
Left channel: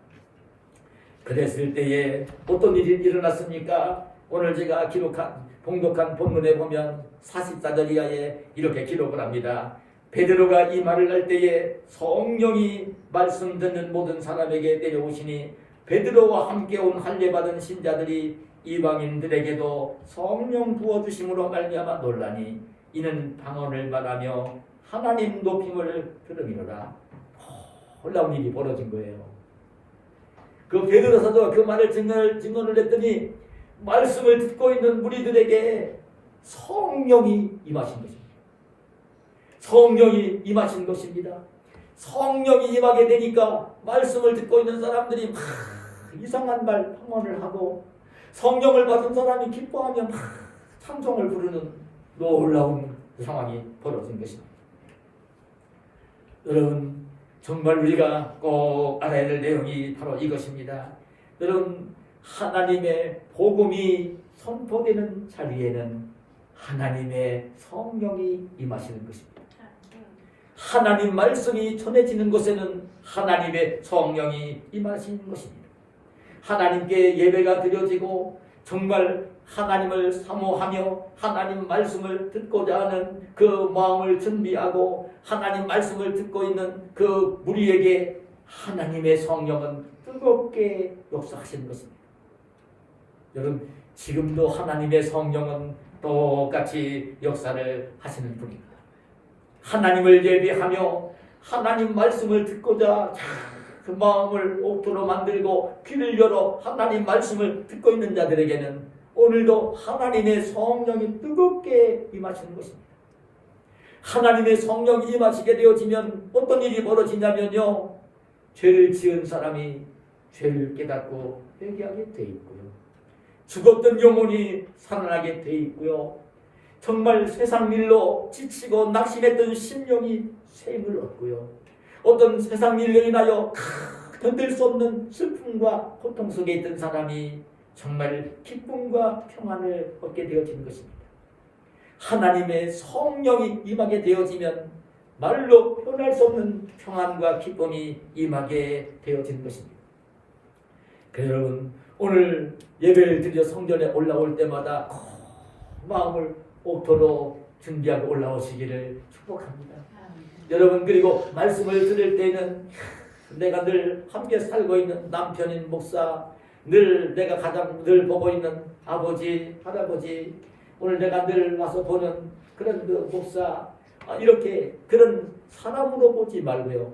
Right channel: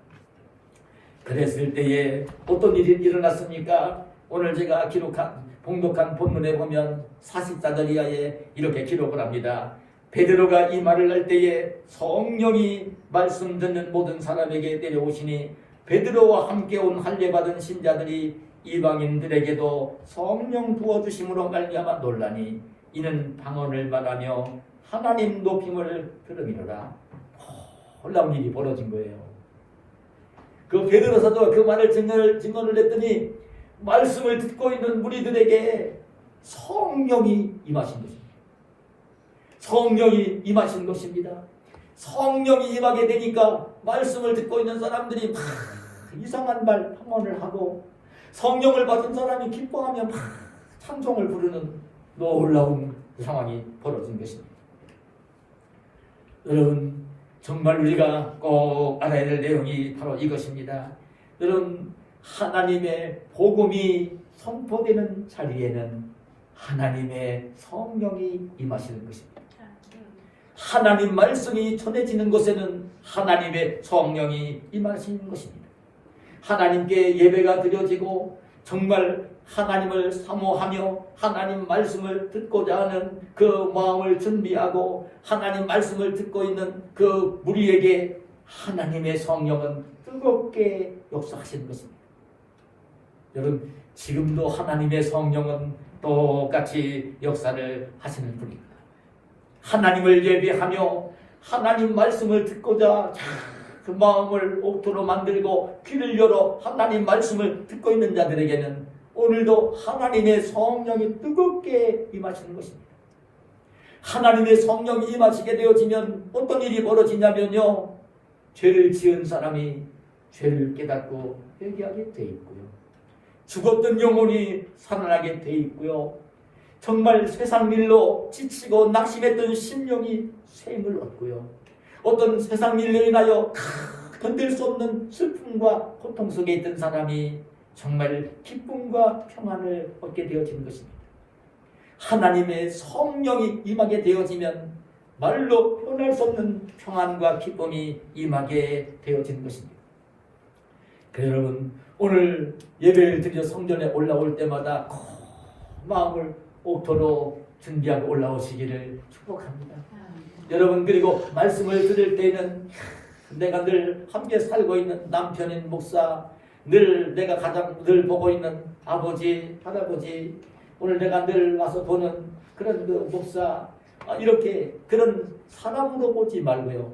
그랬을 때에 어떤 일이 일어났습니까? 오늘 제가 기록한 봉독한 본문에 보면 44절 이하에 이렇게 기록을 합니다. 베드로가 이 말을 할 때에 성령이 말씀 듣는 모든 사람에게 내려오시니 베드로와 함께 온 할례받은 신자들이 이방인들에게도 성령 부어주심으로 말미암아 놀라니 이는 방언을 말하며 하나님 높임을 들음이로라. 놀라운 일이 벌어진 거예요. 그 베드로 사도가 그 말을 증언을 했더니 말씀을 듣고 있는 무리들에게 성령이 임하신 것입니다. 성령이 임하신 것입니다. 성령이 임하게 되니까 말씀을 듣고 있는 사람들이 막 이상한 말 험언을 하고 성령을 받은 사람이 기뻐하며 막 찬송을 부르는 놀라운 상황이 벌어진 것입니다. 여러분, 정말 우리가 꼭 알아야 될 내용이 바로 이것입니다. 여러분, 하나님의 복음이 선포되는 자리에는 하나님의 성령이 임하시는 것입니다. 하나님 말씀이 전해지는 곳에는 하나님의 성령이 임하시는 것입니다. 하나님께 예배가 드려지고 정말 하나님을 사모하며 하나님 말씀을 듣고자 하는 그 마음을 준비하고 하나님 말씀을 듣고 있는 그 무리에게 하나님의 성령은 뜨겁게 역사하시는 것입니다. 여러분, 지금도 하나님의 성령은 똑같이 역사를 하시는 분입니다. 하나님을 예배하며 하나님 말씀을 듣고자 그 마음을 옥토로 만들고 귀를 열어 하나님 말씀을 듣고 있는 자들에게는 오늘도 하나님의 성령이 뜨겁게 임하시는 것입니다. 하나님의 성령이 임하시게 되어지면 어떤 일이 벌어지냐면요, 죄를 지은 사람이 죄를 깨닫고 회개하게 돼 있고요, 죽었던 영혼이 살아나게 돼 있고요, 정말 세상 일로 지치고 낙심했던 심령이 새 힘을 얻고요, 어떤 세상 일로 인하여 견딜 수 없는 슬픔과 고통 속에 있던 사람이 정말 기쁨과 평안을 얻게 되어지는 것입니다. 하나님의 성령이 임하게 되어지면 말로 표현할 수 없는 평안과 기쁨이 임하게 되어지는 것입니다. 그래서 여러분, 오늘 예배를 드려 성전에 올라올 때마다 마음을 옥토로 준비하고 올라오시기를 축복합니다. 여러분, 그리고 말씀을 들을 때는 내가 늘 함께 살고 있는 남편인 목사, 늘 내가 가장 늘 보고 있는 아버지, 할아버지, 오늘 내가 늘 와서 보는 그런 그 목사, 이렇게 그런 사람으로 보지 말고요,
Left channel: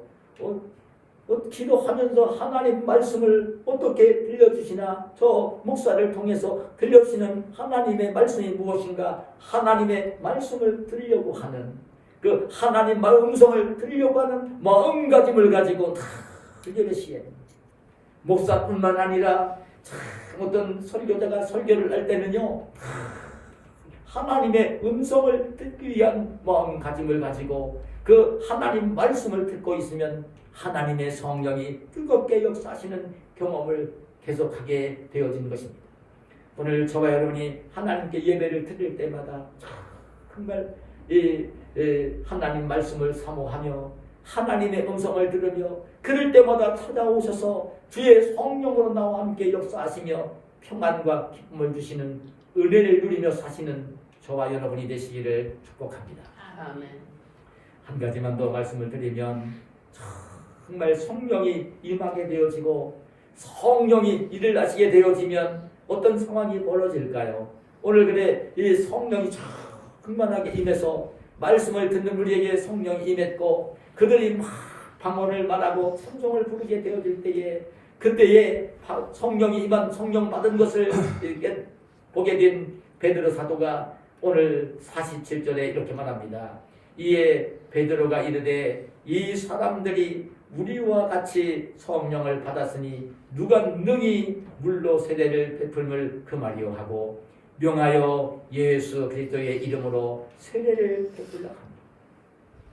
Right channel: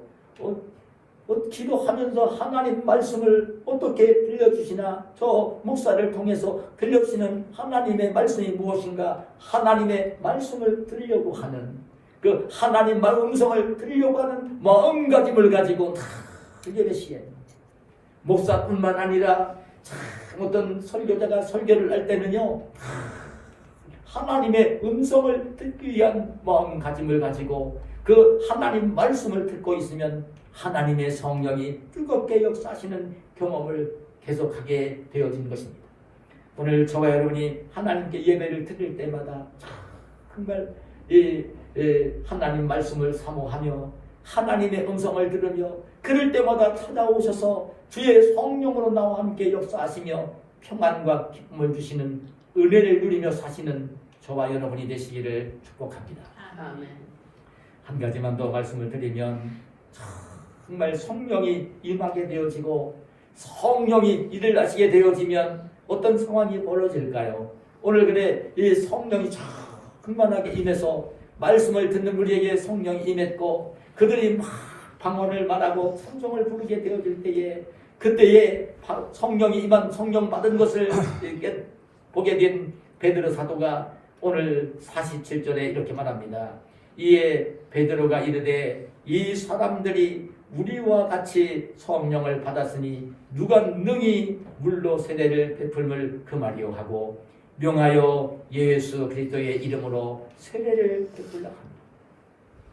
기도하면서 하나님 말씀을 어떻게 들려주시나, 저 목사를 통해서 들려주시는 하나님의 말씀이 무엇인가, 하나님의 말씀을 들으려고 하는 그 하나님 음성을 들으려고 하는 마음가짐을 가지고 다 예배시에 목사뿐만 아니라 어떤 설교자가 설교를 할 때는요, 하나님의 음성을 듣기 위한 마음가짐을 가지고 그 하나님 말씀을 듣고 있으면 하나님의 성령이 뜨겁게 역사하시는 경험을 계속하게 되어진 것입니다. 오늘 저와 여러분이 하나님께 예배를 드릴 때마다 정말 하나님 말씀을 사모하며 하나님의 음성을 들으며 그럴 때마다 찾아오셔서 주의 성령으로 나와 함께 역사하시며 평안과 기쁨을 주시는 은혜를 누리며 사시는 저와 여러분이 되시기를 축복합니다. 아멘. 한 가지만 더 말씀을 드리면, 정말 성령이 임하게 되어지고 성령이 일을 하시게 되어지면 어떤 상황이 벌어질까요? 오늘 그래 이 성령이 충만하게 임해서 말씀을 듣는 우리에게 성령이 임했고 그들이 막 방언을 말하고 찬송을 부르게 되어질 때에, 그때에 성령이 임한, 성령 받은 것을 보게 된 베드로 사도가 오늘 47절에 이렇게 말합니다. 이에 베드로가 이르되 이 사람들이 우리와 같이 성령을 받았으니 누가 능히 물로 세례를 베풀음을 금하리요 하고 명하여 예수 그리스도의 이름으로 세례를 베풀라 합니다.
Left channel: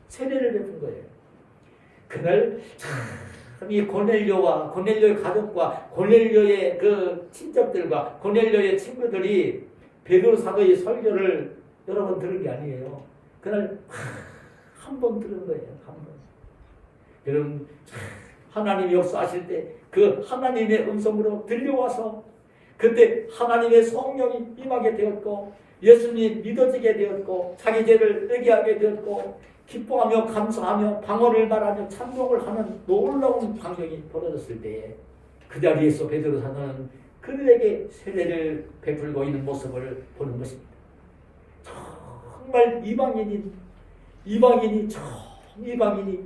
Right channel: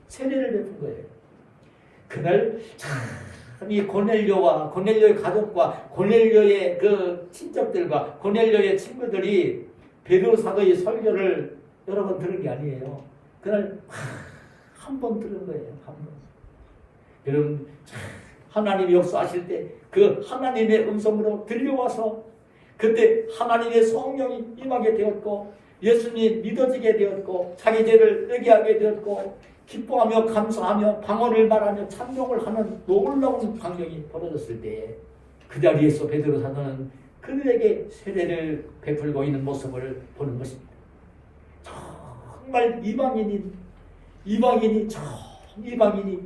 세례를 베푼 거예요. 그날 이 고넬료와 고넬료의 가족과 고넬료의 그 친척들과 고넬료의 친구들이 베드로 사도의 설교를 여러 번 들은 게 아니에요. 그날 한 번 들은 거예요. 한 번. 여러분 하나님이 역사하실 때 그 하나님의 음성으로 들려와서 그때 하나님의 성령이 임하게 되었고 예수님 믿어지게 되었고 자기 죄를 의기하게 되었고 기뻐하며 감사하며 방언을 말하며 찬송을 하는 놀라운 광경이 벌어졌을 때 그 자리에서 베드로 사도는 그들에게 세례를 베풀고 있는 모습을 보는 것입니다. 정말 이방인이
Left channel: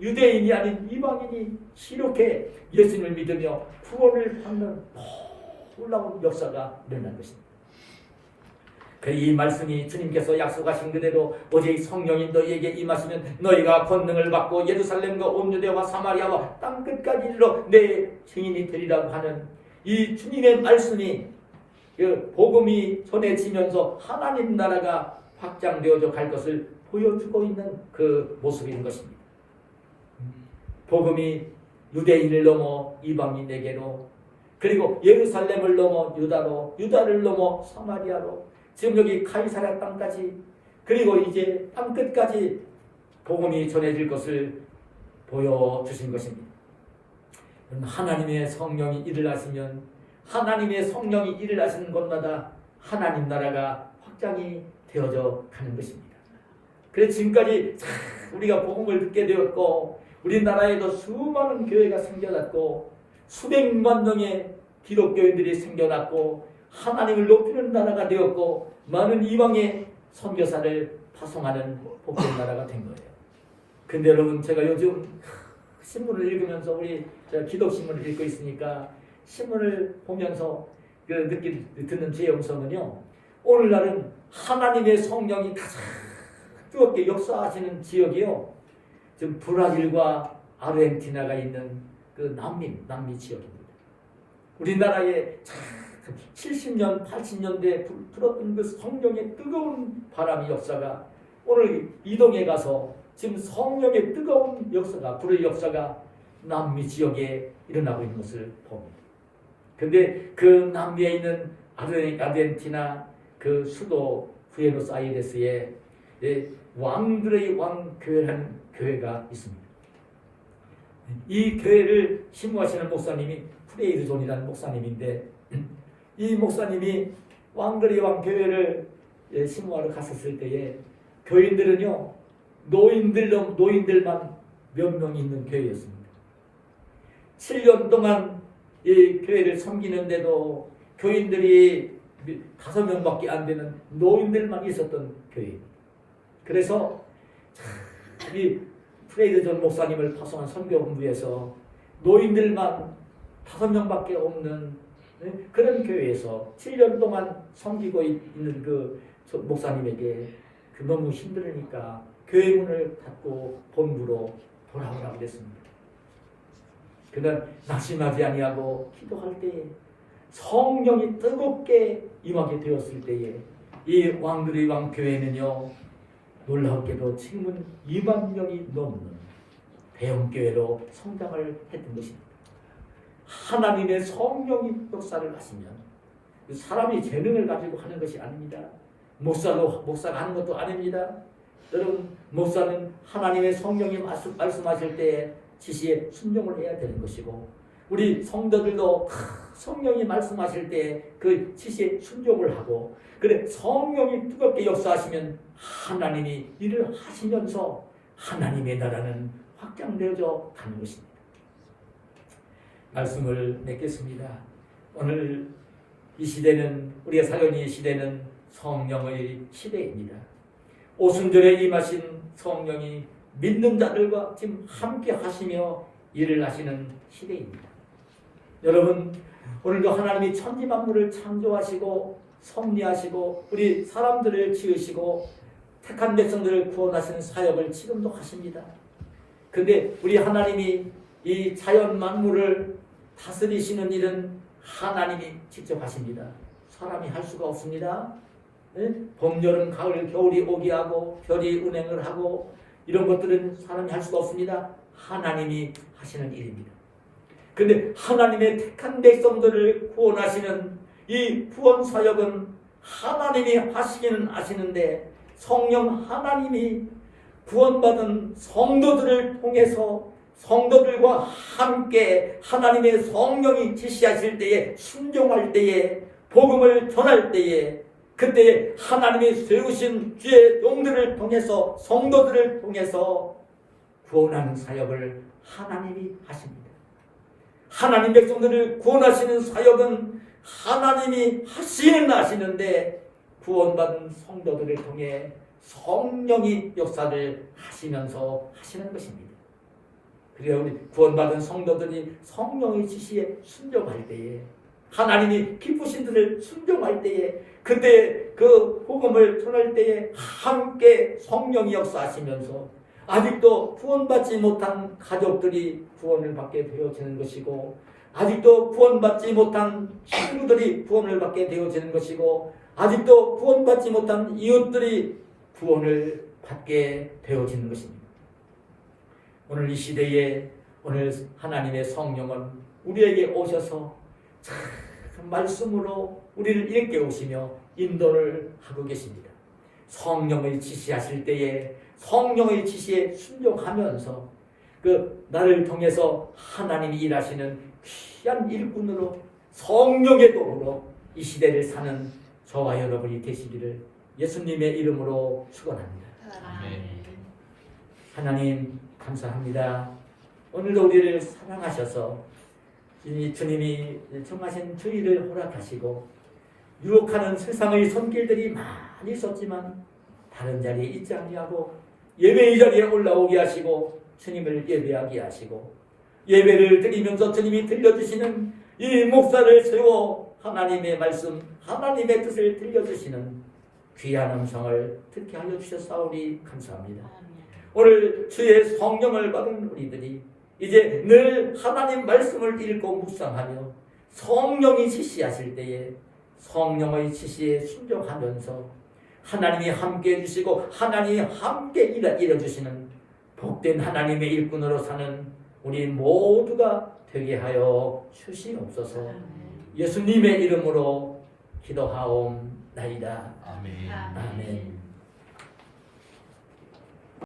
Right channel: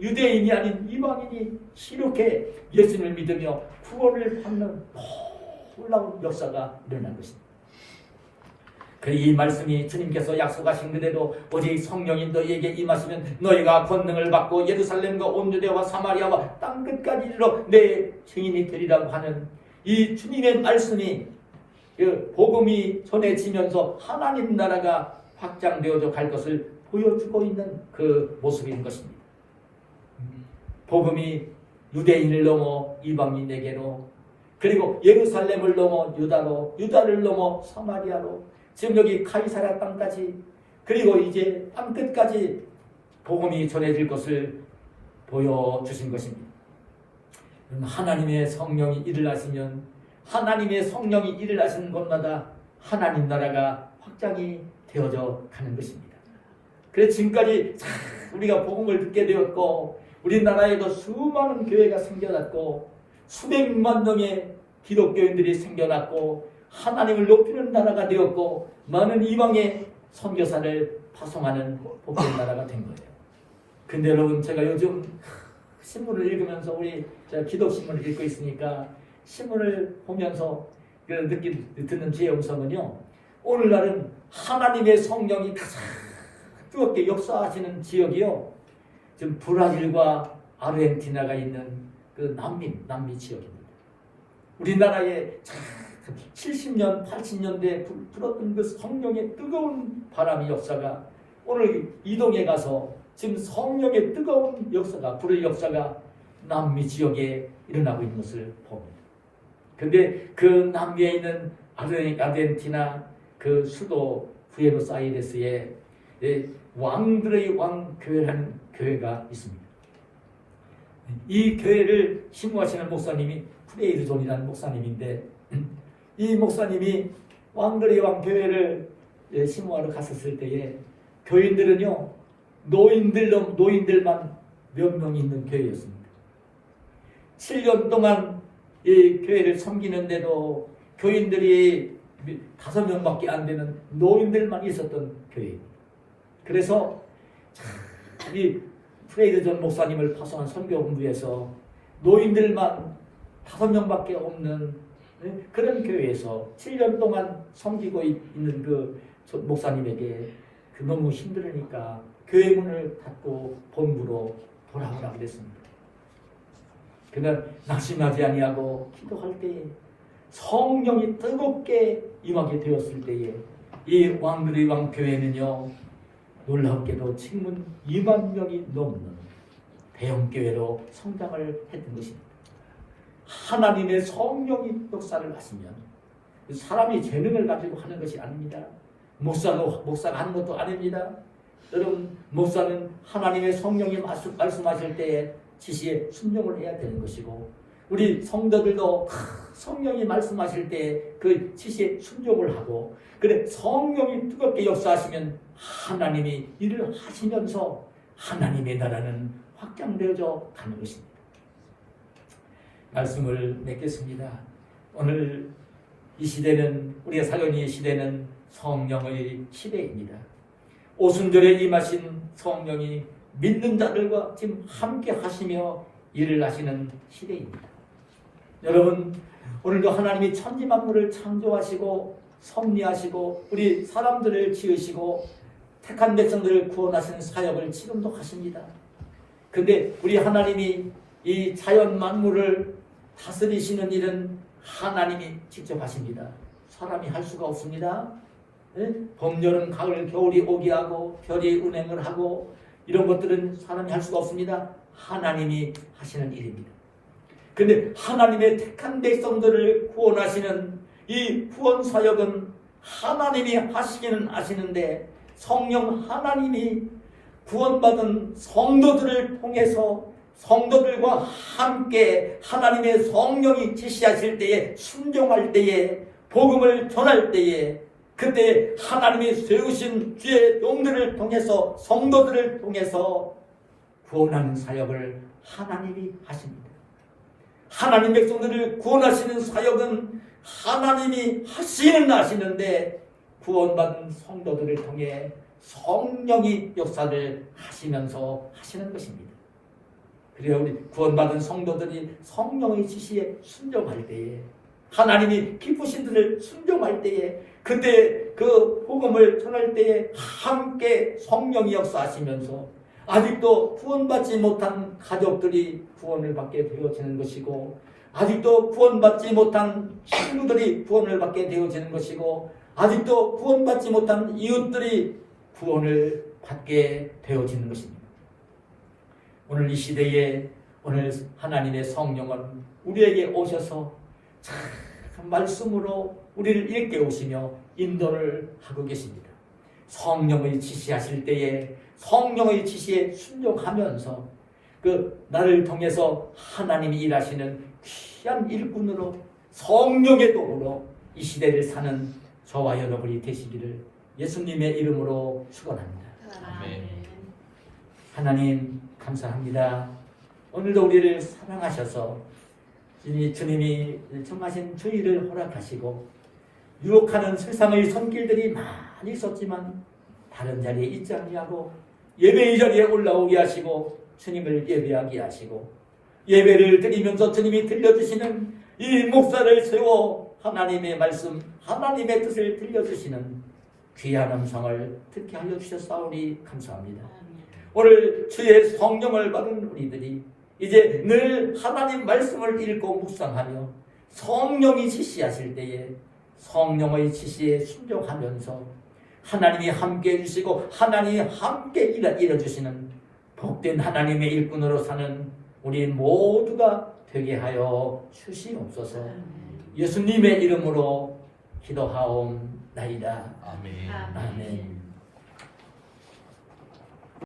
유대인이 아닌 이방인이 이렇게 예수님을 믿으며 구원을 받는 놀라운 역사가 일어난 것입니다. 이 말씀이 주님께서 약속하신 그대로 오직 성령이 너희에게 임하시면 너희가 권능을 받고 예루살렘과 온 유대와 사마리아와 땅끝까지 이르러 내 증인이 되리라고 하는 이 주님의 말씀이 그 복음이 전해지면서 하나님 나라가 확장되어져 갈 것을 보여주고 있는 그 모습인 것입니다. 복음이 유대인을 넘어 이방인에게로 그리고 예루살렘을 넘어 유다로 유다를 넘어 사마리아로 지금 여기 가이사랴 땅까지 그리고 이제 땅끝까지 복음이 전해질 것을 보여주신 것입니다. 하나님의 성령이 일을 하시면 하나님의 성령이 일을 하시는 곳마다 하나님 나라가 확장이 되어져 가는 것입니다. 그래서 지금까지 우리가 복음을 듣게 되었고 우리나라에도 수많은 교회가 생겨났고 수백만 명의 기독교인들이 생겨났고 하나님을 높이는 나라가 되었고 많은 이방의 선교사를 파송하는 복된 나라가 된 거예요. 근데 여러분 제가 요즘 신문을 읽으면서 제가 기독신문을 읽고 있으니까 신문을 보면서 듣는 지혜 음성은요. 오늘날은 하나님의 성령이 가장 뜨겁게 역사하시는 지역이요. 지금 브라질과 아르헨티나가 있는 그 남미 지역입니다. 우리나라에 70년, 80년대에 불었던 그 성령의 뜨거운 바람의 역사가 오늘 이동해 가서 지금 성령의 뜨거운 역사가, 불의 역사가 남미 지역에 일어나고 있는 것을 봅니다. 그런데 그 남미에 있는 아르헨티나 그 수도 부에노스아이레스에 왕들의 왕교회라는 교회가 있습니다. 이 교회를 신무하시는 목사님이 프레이드 존이라는 목사님인데 이 목사님이 왕들의 왕교회를 신무하러 갔었을 때에 교인들은요 노인들만 몇 명 있는 교회였습니다. 7년 동안 이 교회를 섬기는데도 교인들이 5명밖에 안 되는 노인들만 있었던 교회입니다. 그래서 이 프레이드 존 목사님을 파송한 선교본부에서 노인들만 5명밖에 없는 그런 교회에서 7년 동안 섬기고 있는 그 목사님에게 너무 힘들으니까 교회 문을 닫고 본부로 돌아오라고 그랬습니다. 그날 낙심하지 아니하고 기도할 때에 성령이 뜨겁게 임하게 되었을 때에 이 왕들의 왕 교회는요 놀랍게도 지금은 2만 명이 넘는 대형교회로 성장을 했던 것입니다. 하나님의 성령이 역사를 하시면 사람이 재능을 가지고 하는 것이 아닙니다. 목사가 하는 것도 아닙니다. 여러분 목사는 하나님의 성령이 말씀하실 때에 지시에 순종을 해야 되는 것이고 우리 성도들도 성령이 말씀하실 때 그 지시에 순종을 하고 그래 성령이 뜨겁게 역사하시면 하나님이 일을 하시면서 하나님의 나라는 확장되어져 가는 것입니다. 말씀을 맺겠습니다. 오늘 이 시대는 우리가 살고 있는 이 시대는 성령의 시대입니다. 오순절에 임하신 성령이 믿는 자들과 지금 함께 하시며 일을 하시는 시대입니다. 여러분 오늘도 하나님이 천지 만물을 창조하시고 섭리하시고 우리 사람들을 지으시고 택한 백성들을 구원하시는 사역을 지금도 하십니다. 그런데 우리 하나님이 이 자연 만물을 다스리시는 일은 하나님이 직접 하십니다. 사람이 할 수가 없습니다. 봄, 여름, 가을, 겨울이 오게 하고 별이 운행을 하고 이런 것들은 사람이 할 수가 없습니다. 하나님이 하시는 일입니다. 근데 하나님의 택한 백성들을 구원하시는 이 구원 사역은 하나님이 하시기는 하시는데 성령 하나님이 구원받은 성도들을 통해서 성도들과 함께 하나님의 성령이 지시하실 때에 순종할 때에 복음을 전할 때에 그때 하나님이 세우신 주의 종들을 통해서 성도들을 통해서 구원하는 사역을 하나님이 하십니다. 하나님 백성들을 구원하시는 사역은 하나님이 하시는데 구원받은 성도들을 통해 성령이 역사를 하시면서 하시는 것입니다. 그래야 우리 구원받은 성도들이 성령의 지시에 순종할 때에 하나님이 기쁘신 들을 순종할 때에 그때 그 복음을 전할 때에 함께 성령이 역사하시면서 아직도 구원받지 못한 가족들이 구원을 받게 되어지는 것이고 아직도 구원받지 못한 친구들이 구원을 받게 되어지는 것이고 아직도 구원받지 못한 이웃들이 구원을 받게 되어지는 것입니다. 오늘 이 시대에 오늘 하나님의 성령은 우리에게 오셔서 참 말씀으로 우리를 일깨우시며 인도를 하고 계십니다. 성령의 지시하실 때에 성령의 지시에 순종하면서 그 나를 통해서 하나님이 일하시는 귀한 일꾼으로 성령의 도로 이 시대를 사는 저와 여러분이 되시기를 예수님의 이름으로 축원합니다. 하나님 감사합니다. 오늘도 우리를 사랑하셔서 주님이 정하신 주의를 허락하시고 유혹하는 세상의 손길들이 많이 있었지만 다른 자리에 있지 아니하고 예배의 자리에 올라오게 하시고 주님을 예배하게 하시고 예배를 드리면서 주님이 들려주시는 이 목사를 세워 하나님의 말씀 하나님의 뜻을 들려주시는 귀한 음성을 듣게 하여 주셨사오니 감사합니다. 오늘 주의 성령을 받은 우리들이 이제 늘 하나님 말씀을 읽고 묵상하며 성령이 지시하실 때에 성령의 지시에 순종하면서 하나님이 함께 해주시고 하나님이 함께 일해주시는 복된 하나님의 일꾼으로 사는 우리 모두가 되게 하여 주시옵소서. 예수님의 이름으로 기도하옵나이다. 아멘.